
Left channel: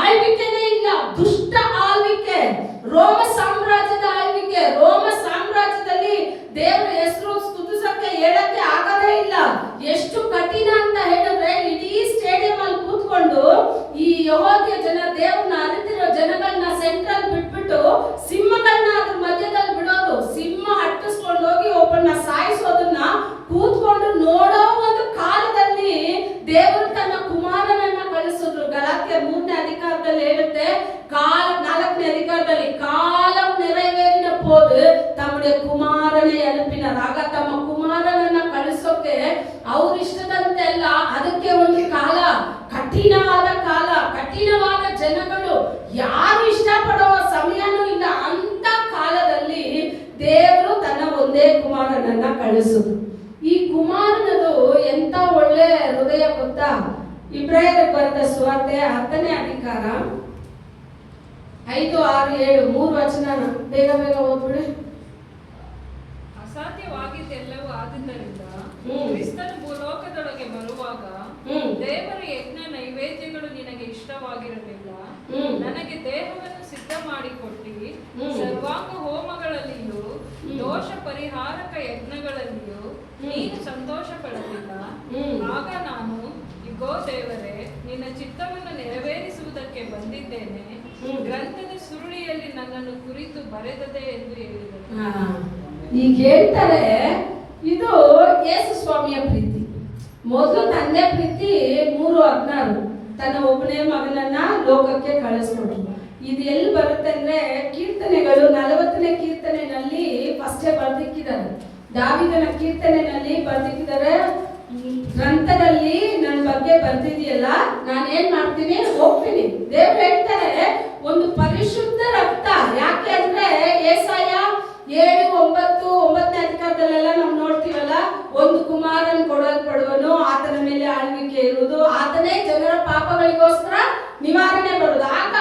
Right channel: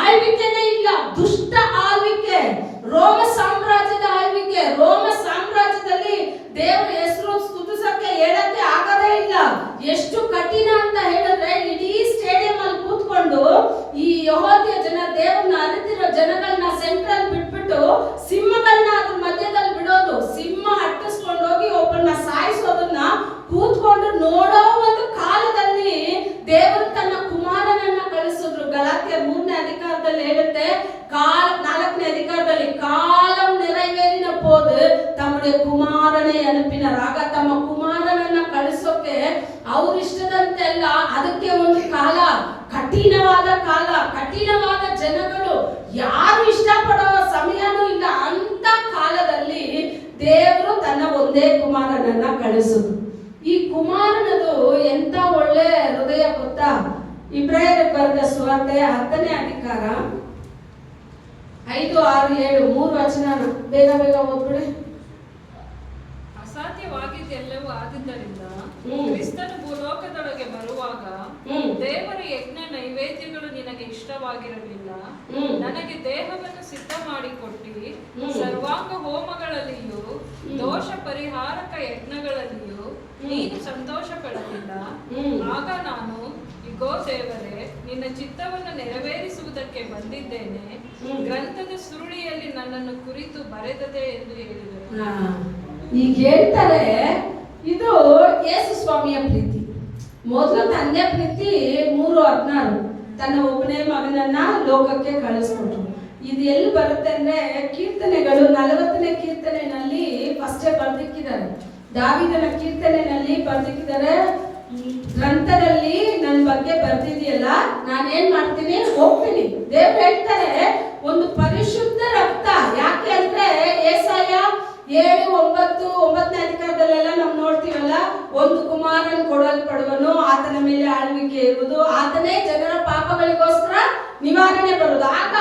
ಆಳ್ವಿಕೆನೇ ಇಲ್ಲ. ದುಷ್ಟ ಆಳ್ವಿಕೆ, ರೋಮ ಸಾಮ್ರಾಜ್ಯದ ಆಳ್ವಿಕೆ. ರೋಮ ಸಾಮ್ರಾಜ್ಯದಲ್ಲಿ ದೇವರ ಹೆಸರು ಸ್ತುತಿಸಕ್ಕೆ ಹೇಳಕ್ಕೆ ಆಗದೇ ಇಲ್ಲ. ಎಷ್ಟು ಕಠಿಣ ಅಂತ ಹೇಳಿದ್ರೆ, ಇಡೀ ಸ್ಟೇಡಿಯಂ ಅಲ್ಲಿ ಕೂತ್ಕೊಂಡು ಈ ಯೆಹೂದ್ಯ ಜನ, ದೇವರನ್ನ ಅರಿತಿರೋ ಜನಗಳನ್ನ ಸೆಂಟ್ರಲ್ ಬಿಟ್ಬಿಟ್ಟು ಸಿಂಹಗಳನ್ನ ಅದ್ರ ಮಧ್ಯದಲ್ಲಿ ಬಿಡೋದು, ಸಿಂಹ ಹಟ್ಟಿಸ್ಕೊಂಡು ಹೋಗಿ ಒಬ್ಬರನ್ನ ಸಾಯಿಸೋದನ್ನ ಕೂತ್ಕೊಂಡು ನೋಡೋ ಒಂದು ಕಾಲದಲ್ಲಿ ದೇವರು ತನ್ನ ಕುಮಾರನನ್ನ ಕಳಿಸಿದ್ರು. ಗಲಾತ್ಯ 3ನೇ ಅಧಿಕಾರದಲ್ಲಿ ಹೇಳುತ್ತೆ, 4ನೇ ಅಧಿಕಾರದಲ್ಲಿ, ಕಾಲಂ ನೆರವೇರಿನ போது ತಮ್ಮடைய ಕುಮಾರನೇ ಅನುಪಿನರಾಗ. ತಮ್ಮ ಕುಮಾರನನ್ನ ಕಳಿಸೋಕೆ ಅವ್ರ ಇಷ್ಟದಂತೆ ಅಲ್ಲ, ಅದಕ್ಕೆ ಒಂದು ಕಾಲ, ಕಠಿಣವಾದ ಕಾಲ, ಕಠಿಣವಾದ ಜನಗಳು, ಯಾರು ಇಷ್ಟಪಡುವ ಸಮಯನೂ ಇಲ್ಲ. ಅಂತ ಕಾಲದಲ್ಲಿ ದೇವರು ತನ್ನ ಒಂದೇ ಕುಮಾರನನ್ನ ಕಳಿಸುದು. ಈ ಕುಮಾರನದು ಎಂತ ಒಳ್ಳೆ ಹೃದಯ ಗೊತ್ತಾ? ಸುವಾರ್ತೆ 10ನೇ ಅಧಿಕಾರ 5, 6, 7 3 ವಚನ ಬೇಗ ಬೇಗ ಓದ್ಬಿಡಿ. ಅಸಾಧ್ಯವಾಗಿದ್ದೆಲ್ಲವೂ ಆದುದರಿಂದ ಕ್ರಿಸ್ತನು ಭೂಲೋಕದೊಳಗೆ ಬರುವಾಗ ದೇವರ ಯಜ್ಞ ನೈವೇದ್ಯಗಳು ನಿನಗೆ ಇಷ್ಟವಾಗಿರಲಿಲ್ಲ. ನನಗೆ ದೇಹವನ್ನು ಸಿದ್ಧ ಮಾಡಿಕೊಟ್ಟಿ ಸರ್ವಾಂಗ ಹೋಮಗಳಲ್ಲಿಯೂ ದೋಷ ಪರಿಹಾರಕ ಯಜ್ಞಗಳಲ್ಲಿಯೂ ನೀನು ಸಂತೋಷ ಪಡಲಿಲ್ಲ. ಆಗ ನಾನು, ಇಗೋ ದೇವರೇ, ನಿನ್ನ ಚಿತ್ತವನ್ನು ನೆರವೇರಿಸುವುದಕ್ಕೆ ಬಂದಿದ್ದೇನೆ, ಗ್ರಂಥದ ಸುರುಳಿಯಲ್ಲಿ ನನ್ನನ್ನು ಕುರಿತು ಬರೆದದೆ ಎಂದು ಹೇಳಿದರು. ಈಗ ಹೇಳ್ತಾರೆ, ಇದು ಯೇಸು ಸ್ವಾಮಿಯ ಪ್ರೀತಿ. ಮೊದಲು ತಂದೆ ಪ್ರೀತಿ 3:16 ತನ್ನ ಒಬ್ಬನೇ ಮಗನನ್ನ ಲೋಕಕ್ಕೆ ಕಳಿಸ್ಕೊಟ್ರು. ಇದು ಎಲ್ಲಿ ಬರುತ್ತೆ ಅಂದ್ರೆ ಕೀರ್ತನೆಗಳು 40ನೇ ಕೀರ್ತನೆಯಲ್ಲಿ ಫಸ್ಟೇ ಬರ್ದಿಕ್ಕಿದ್ದಾರೆ. ದಾವಿದನ ಕೀರ್ತನೆಯಲ್ಲಿ ಬರ್ದಿಕ್ಕಿದ್ದಾರೆ, ಗ್ರಂಥದಲ್ಲಿ ನನ್ನ ಬಗ್ಗೆ ಬರ್ದಿದೆಯಲ್ಲ, ನಾನೇನ್ ಮಾಡ್ತೀನಿ, ಹೋಗ್ತೀನಿ. ದೇವ್ರು ಹೇಳ್ತಾರೆ ಒಂದು ಪರಿಶುದ್ಧ ರಕ್ತ. ಯಾಕೆ ಅಂದ್ರೆ ಯೆಶಾಯ 7:9 ಅಧಿಕಾರದಲ್ಲೆಲ್ಲ ನಾವು ನೋಡ್ತೀವಲ್ಲ, ಒಂದು ಕುಮಾರನ್ ಕೊಡಲ್ಪಡುವನು, ಆತನ ಮೇಲೆ ಆಳ್ವಿಕೆ ಇರುವುದು, ಆತನೇ ಜನರ ಪಾಪಗಳಿಗೋಸ್ಕರ ನಿವಾರಣೆ ಬರುವುದು. ಆಗ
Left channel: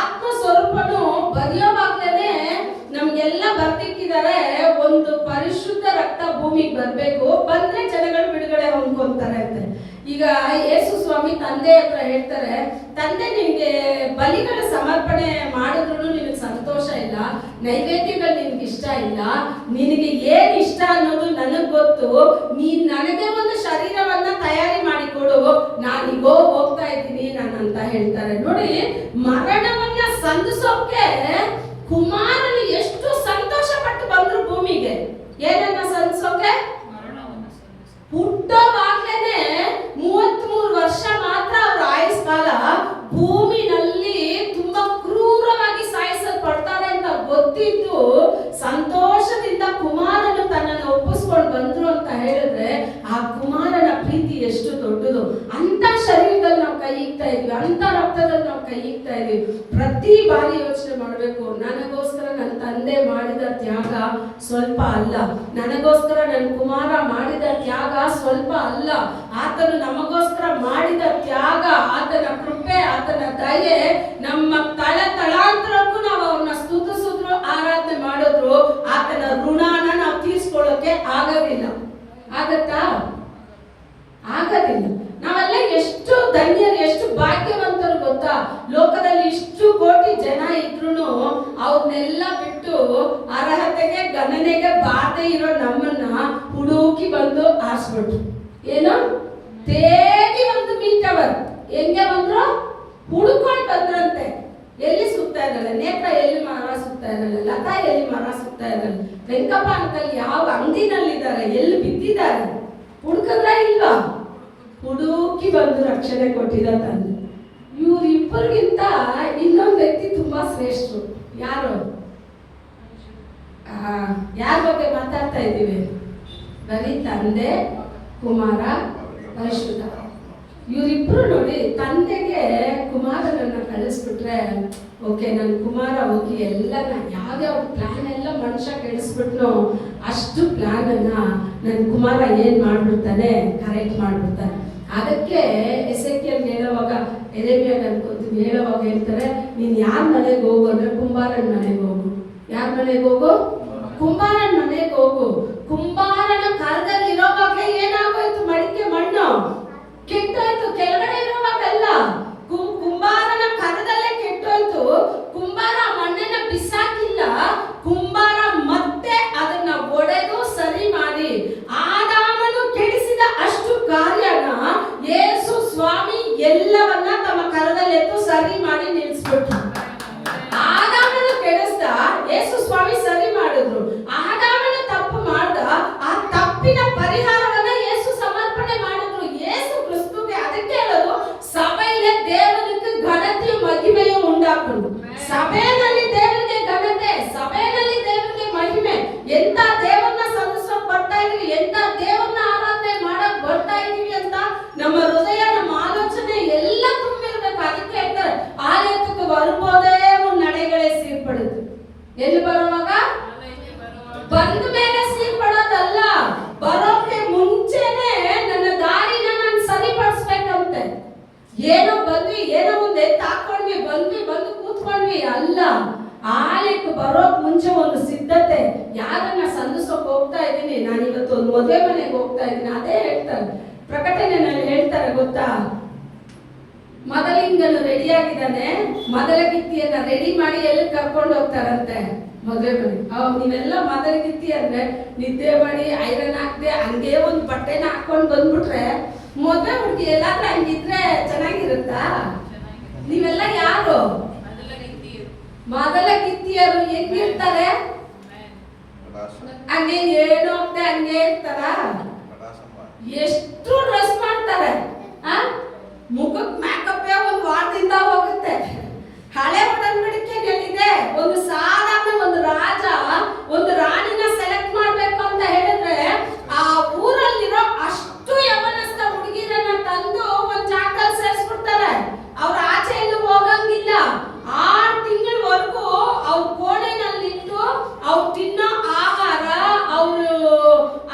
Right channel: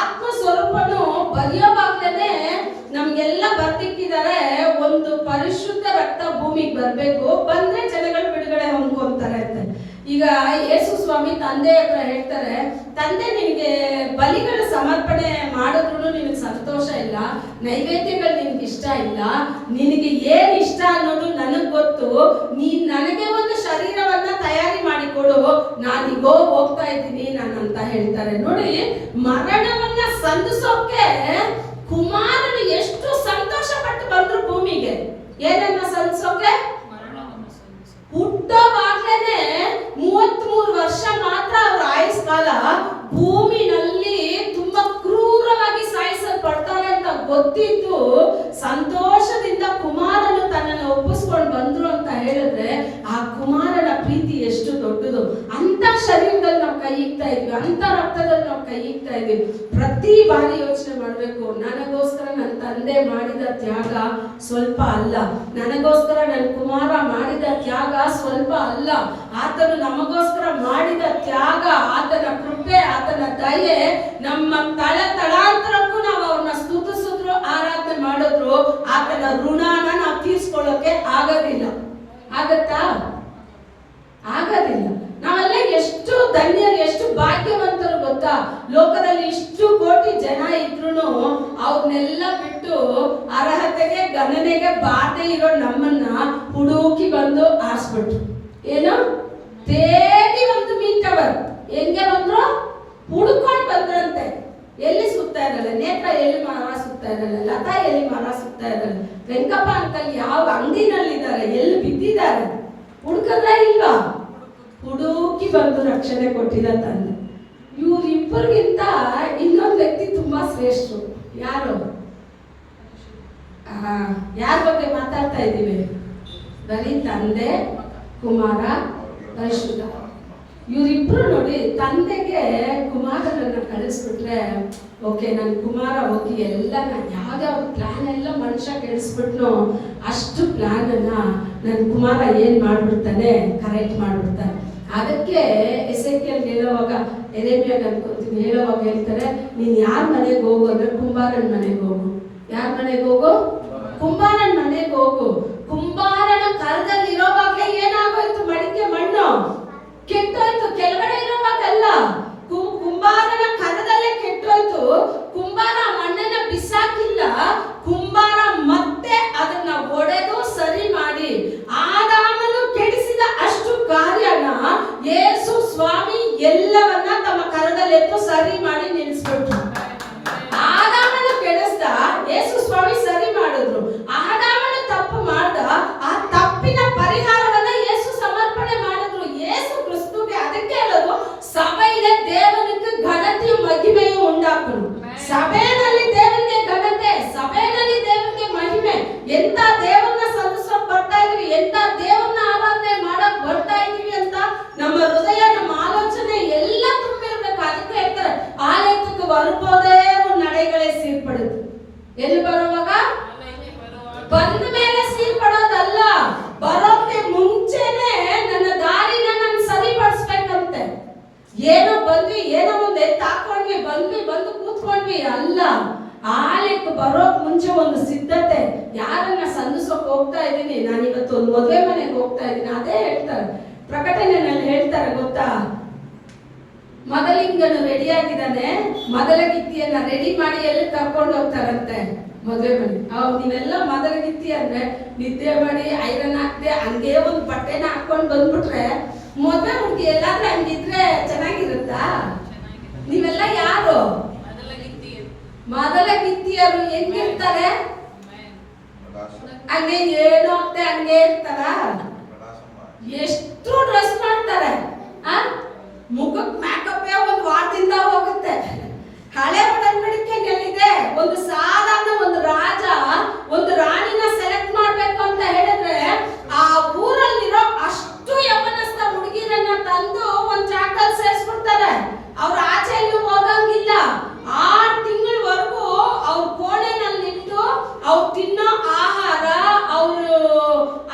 ಆತ್ಮ ಸ್ವರೂಪನು ಬರೆಯೋವಾಗ್ಲೇನೆ ನಮ್ಗೆಲ್ಲ ಬರ್ತಿಕ್ಕಿದ್ದಾರೆ, ಒಂದು ಪರಿಶುದ್ಧ ರಕ್ತ ಭೂಮಿಗೆ ಬರ್ಬೇಕು, ಬಂದ್ರೆ ಜನಗಳು ಬಿಡುಗಡೆ ಹೊಂದ್ಕೊಂತಾರೆ ಅಂತ. ಈಗ ಯೇಸು ಸ್ವಾಮಿ ತಂದೆ ಹತ್ರ ಹೇಳ್ತಾರೆ, ತಂದೆ ನಿನಗೆ ಬಲಿಗಳ ಸಮರ್ಪಣೆ ಮಾಡಿದ್ರು ನಿನಗೆ ಸಂತೋಷ ಇಲ್ಲ, ನೈವೇದ್ಯಗಳು ನಿನ್ಗೆ ಇಷ್ಟ ಇಲ್ಲ, ನಿನಗೆ ಏನ್ ಇಷ್ಟ ಅನ್ನೋದು ನನಗ್ ಗೊತ್ತು, ನೀನ್ ನನಗೆ ಒಂದು ಶರೀರವನ್ನ ತಯಾರಿ ಮಾಡಿಕೊಡು, ನಾನೀಗೋ ಹೋಗ್ತಾ ಇದ್ದೀನಿ ನಾನು ಅಂತ ಹೇಳ್ತಾರೆ. ನೋಡಿ, ಮರಣವನ್ನ ಸಂಧಿಸೋಕೆ ಕುಮಾರನು ಎಷ್ಟು ಸಂತೋಷ ಪಟ್ಟು ಬಂದ್ರು ಭೂಮಿಗೆ. ಏನನ್ನ ಸಂಧಿಸೋಕೆ? ಹುಟ್ಟೋವಾಗ್ಲೇನೆ 33 ವರ್ಷ ಮಾತ್ರ ಅವ್ರ ಆಯುಸ್ ಕಾಲ. ಭೂಮಿನಲ್ಲಿ ತುಂಬಾ ಕ್ರೂರವಾಗಿ ಸಾಯಿಸಲ್ಪಡ್ತಾರೆ ಅಂತ ಗೊತ್ತಿದ್ದು ಸಂತೋಷದಿಂದ ಕುಮಾರನು ತನ್ನನ್ನು ಒಪ್ಪಿಸ್ಕೊಂಡು ಬಂದ್ರು ಅಂತ ಹೇಳಿದ್ರೆ ಆ ಕುಮಾರನ ಪ್ರೀತಿ ಎಷ್ಟು ದೊಡ್ಡದು. ಅಂತ ಶರೀರದಲ್ಲಿ ನಾವು ಕೈ ಇಕ್ತಾ ಇದ್ವಿ, ಅಂತ ರಕ್ತದಲ್ಲಿ ನಾವು ಕೈ ಇಕ್ತಾ ಇದ್ವಿ. ಪ್ರತಿ ಬಾರಿ ಯೋಚನೆ ಮಾಡ್ಬೇಕು, ನನಗೋಸ್ಕರ ನನ್ನ ತಂದೆ ಮಾಡಿದ ತ್ಯಾಗ ಸ್ವಲ್ಪ ಅಲ್ಲ, ನನಗೋಸ್ಕರ ನನ್ನ ಕುಮಾರ ಮಾಡಿದ ತ್ಯಾಗ ಸ್ವಲ್ಪ ಅಲ್ಲ, ಆತನು ನಮಗೋಸ್ಕರ ಮಾಡಿದ ತ್ಯಾಗ, ಆತನ ಕೃಪೆ, ಆತನ ದಯೆ ನಮ್ಮ ತಳಾಂತರಕ್ಕೂ ನಾವು ಅವ್ರನ್ನ ಸ್ತುತಿಸಿದ್ರು, ಆರಾಧನೆ ಮಾಡಿದ್ರು, ಆತನ ಋಣನ ನಾವು ತೀರ್ಸ್ಕೊಳ್ಳೋಕೆ ಆಗೋದಿಲ್ಲ. ಆಗತ್ತಾ? ಆಗೋದಿಲ್ಲ. ನಾವೆಲ್ಲ ಎಷ್ಟು ಧನ್ಯರು, ಎಷ್ಟು ಭಾಗ್ಯವಂತರು ಗೊತ್ತಾ? ಲೋಕದಲ್ಲಿ ಇಷ್ಟು ಕೋಟಿ ಜನ ಇದ್ರು ಅವ್ರನ್ನೆಲ್ಲ ಬಿಟ್ಟು ಅರ್ಹತೆಗೆ ಗಣನೆಗೆ ಬಾರದೆ ಇರೋ ನಮ್ಮನ್ನ ಹುಡುಕಿ ಬಂದು ಆರಿಸ್ಬಿಟ್ರು. ಏನು ತೇಗಿ ಒಂದು ಮೀಟವರ್ ಹೆಂಗೆ ಬಂದ್ರು? ಹುಡುಕೊಂಡು ಬಂದ್ರಂತೆ. ಎಲ್ಲಿ ಸುತ್ತಾ ಇರಲ್ಲ, ನೇತ್ರ ಎಲ್ಲಿ ಮರ ಸುತ್ತಾ ಇರಲ್ಲ, ಲತಾ ಎಲ್ಲಿ ಮರ ಸುತ್ತಾ ಇರಲ್ಲ, ವೆಂಕಪ್ಪ ಅಂಕಲ್ ಯಾವ ಅಂಗಡಿನಲ್ಲಿದ್ದಾರೆ, ಎಲ್ಲಿ ಬಿದ್ದಿದ್ದಾರೆ, ಹುಡುಕದ್ರ ಇಲ್ವಾ? ಹುಡುಕಿ ಬಂದು ರಕ್ಷಣೆ ಕೊಟ್ಟಿದ ತಂದೆ. ಇವ್ರಿಬ್ಬರಿಗಿಂತ ಇನ್ನೊಂದು ವ್ಯಕ್ತಿ ತುಂಬಾ ಶ್ರೇಷ್ಠರು. ಯಾರು? ಯಾರ ಬಗ್ಗೆ ಮಾತಾಡ್ತಾ ಇದ್ದೀವಿ? ಬರೀ ತಂದೆ, ಕುಮಾರ, ಪರಿಶುದ್ಧ. ಇವರಿಬ್ರು ನೋಡಿ, ತಂದೆಗೆ ಕುಮಾರನನ್ನ ಕಳಿಸ್ಬಿಟ್ರೆ ಓಕೆ, ನನ್ನ ಕುಮಾರ ಹೋಗಿ ಎಲ್ಲ ಯಾವ್ಯಾವ ಪ್ಲಾನ್ ಎಲ್ಲ ಮನುಷ್ಯ ಕೆಡಿಸ್ಬಿಟ್ನೋ ಅಷ್ಟು ಪ್ಲಾನ್ ಅನ್ನ ನನ್ನ ಕುಮಾರ ಏನ್ ಮಾಡ್ಬಿಡ್ತಾನೆ, ಕರೆಕ್ಟ್ ಮಾಡ್ಬಿಡ್ತಾನೆ. ಅದಕ್ಕೆ ಎಸೆಕಿಯಲ್ ಹೇಳುವಾಗ, ಎರೆಮಿಯಾಗ ಅನ್ಕೋತೀವಿ, ಹೇಳುವಾಗ ಹೇಳ್ತಾರೆ, ನೀನ್ ಯಾರ ಮನೆಗೆ ಹೋಗು ಅಂದ್ರೆ ಕುಂಬಾರನ ಮನೆಗೆ ಹೋಗು. ಯಾರ ಮನೆಗೆ ಹೋಗು? ಕುಂಬಾರನ ಮನೆಗೆ ಹೋಗು. ಕುಂಬಾರನ ಕರದಲ್ಲಿ ಇರೋವಾಗಲೇ ಏನಾಗೋಯ್ತು? ಮಡಿಕೆ ಮಣ್ಣು ಕೆಟ್ಟೋಯ್ತು. ಕೆಳಗಡೆ ಇರೋವಾಗಲ್ಲ, ಕುಂಬಾರನ ಕರದಲ್ಲೇ ಕೆಟ್ಟೋಯ್ತು. ಕುಂಬಾರ ಮಣ್ಣನ್ನ ಬಿಸಾಕಿಲ್ಲ, ಕುಂಬಾರ ಮತ್ತೆ ಅದನ್ನ ಒಡೆದು ಸರಿ ಮಾಡಿ ಆದಾಮನು ಕೆಡಿಸಿದ ಅಷ್ಟು ಕಾರ್ಯನ ಯೇಸು ಸ್ವಾಮಿ ಎಲ್ಲವನ್ನ ತಮ್ಮ ಕರದಲ್ಲೆತ್ತು ಸರಿ ಮಾಡಿ ನಿಲ್ಲಿಸ್ಬಿಟ್ರು. ಆದಾಮನು ಕೆಡಿಸ್ದ, ಯೇಸು ಸ್ವಾಮಿ ಸರಿ ಮಾಡಿದ್ರು. ಆದಾಮನು ತಪ್ಪು ಮಾಡ್ದ, ಆ ತಪ್ಪಿನ ಪರಿಹಾರವನ್ನ ಯೇಸು ಸಮರ್ಪಣೆ ಮಾಡಿದ್ರು ಯೇಸು ಕ್ರಿಸ್ತುಗೆ. ಅದಕ್ಕೆ ಹೇಳೋದು, ಸಭೆಯಲ್ಲಿ ದೇವರಿಗೆ ಘನತೆಯು ಮಹಿಮೆಯು ಉಂಟಾಕುನು. ಸಭೆಯಲ್ಲಿ ದೇವರಿಗೆ ಘನತೆ, ಸಭೆಯಲ್ಲಿ ದೇವರಿಗೆ ಮಹಿಮೆ. ಎಂತ ದೇವರನ್ನ ಸಂತೋಷಕ್ಕೆ ಬರ್ತಾ ಇದೀವಿ, ಎಂತ ದೇವರನ್ನ ಆರಾಧನೆ ಮಾಡಕ್ ಬರ್ತಾ ಇದೀವಿ ಅಂತ ನಮ್ಮ ಹೃದಯ, ನಮ್ಮ ಆಲೋಚನೆ ಎಲ್ಲ ತುಂಬಿರ್ಬೇಕು. ಅದಕ್ಕೆ ಹೇಳ್ತಾರೆ, ಆಲಯಕ್ಕೆ ಬರುವುದೇ ಒಂದು ನಡೆಗಳೇ ಸೀರ್ಪಡುದು. ಎಲ್ಲಿ ಬರುವಾಗ? ಬಂದ ಮೇಲೆ ಸೀರ್ಪಡೋದಲ್ಲ, ಬರೋಕೆ ಮುಂಚೆನೆ ನನ್ನ ದಾರಿನ ನಾನು ಸರಿಪಡಿಸ್ಬೇಕಂತೆ. ಏನೋ ಬಂದ್ವಿ ಬರೋಕ್ ಮುಂಚೆ ಒಂದು ಸಿದ್ಧತೆ. ಯಾರನ್ನ ಸಂಧಿಸೋಕೆ ಹೋಗ್ತಾ ಇದ್ದೀನಿ, ನಾನು ಇವತ್ತು ಒಂದು ಮದುವೆ ಮನೆಗೆ ಹೋಗ್ತಾ ಇದ್ದೀನಿ, ಅದೇ ಹೇಳ್ತಾರೆ ಪ್ರಕಟಣೆಯಲ್ಲಿ ಹೇಳ್ತಾರೆ ಗೊತ್ತಾ, ಮೊದಲಿಂಗನು ರೆಡಿ ಆಗಿದ್ದಾನೆ, ಮೊದಲಗಿತ್ತಿಯನ್ನ ರೆಡಿ ಮಾಡಿ ಎಲ್ಲಿ ಕರ್ಕೊಂಡು ಹೋಗ್ತಾರಂತೆ ಮದುವೆ ಮನೆ. ನೀವೆಲ್ಲ ಮೊದಲಗಿತ್ತಿ ಅಂದ್ರೆ ನಿದ್ದೆ ಮಾಡಿ ಐರನ್ ಹಾಕ್ದೆ ಹಂಗೆ ಒಂದು ಬಟ್ಟೆನ ಹಾಕೊಂಡು ಬಂದ್ಬಿಟ್ರೆ ಮದುವೆ ಹುಡುಗಿ ಎಲ್ಲಾದ್ರೂ ಹಂಗಿದ್ರೆ ಚೆನ್ನಾಗಿರುತ್ತಾ? ನೀವೆಲ್ಲ ಯಾರು ಮೊದಲಗಿತ್ತಿಯರು? ಹೆಂಗಿರ್ತಾರೆ? ಹಂಗೆ ಏನು ಹೋಗ್ತೆ ಹಂಗೆ ಇರ್ತಾರ? ಎಷ್ಟು ಡ್ರೆಸ್ ಮಾಡ್ತಾರೆ, ಮುಖಕ್ಕೆ ಮೇಕಪ್ ಒಂದು ವಾರದಿಂದ ಹೋಗುತ್ತೆ. ಹಳೆ ಒಡಂಬಡಿಕೆಯಲ್ಲಿದೆ, ಒಂದು ಸಾಧಾರಣ ಒಂದು ರಾಜ ಒಂದು ರಾಣಿನ ಸೆಲೆಕ್ಟ್ ಮಾಡ್ಬೇಕು ಅಂತ ಹೇಳಿದ್ರೆ ಆ ಊರಲ್ಲಿರೋ ಅಷ್ಟು ಯವನಸ್ಥ ಹುಡುಗಿರನ್ನ ತಂದು ಒಂದ್ ಜಾಗದಲ್ಲಿ ಸೇರಿಸ್ಬಿಡ್ತಾರೆ. ಅವ್ರ ಆಚೆ ಎಲ್ಲೂ ಹೋಗಂಗಿಲ್ಲ. 6 ತಿಂಗಳವರೆಗೂ ಅವ್ರ ಕೋಣೆನಲ್ಲಿಟ್ಟು ಅವ್ರು ತಿನ್ನೋ ಆಹಾರ, ಅವರು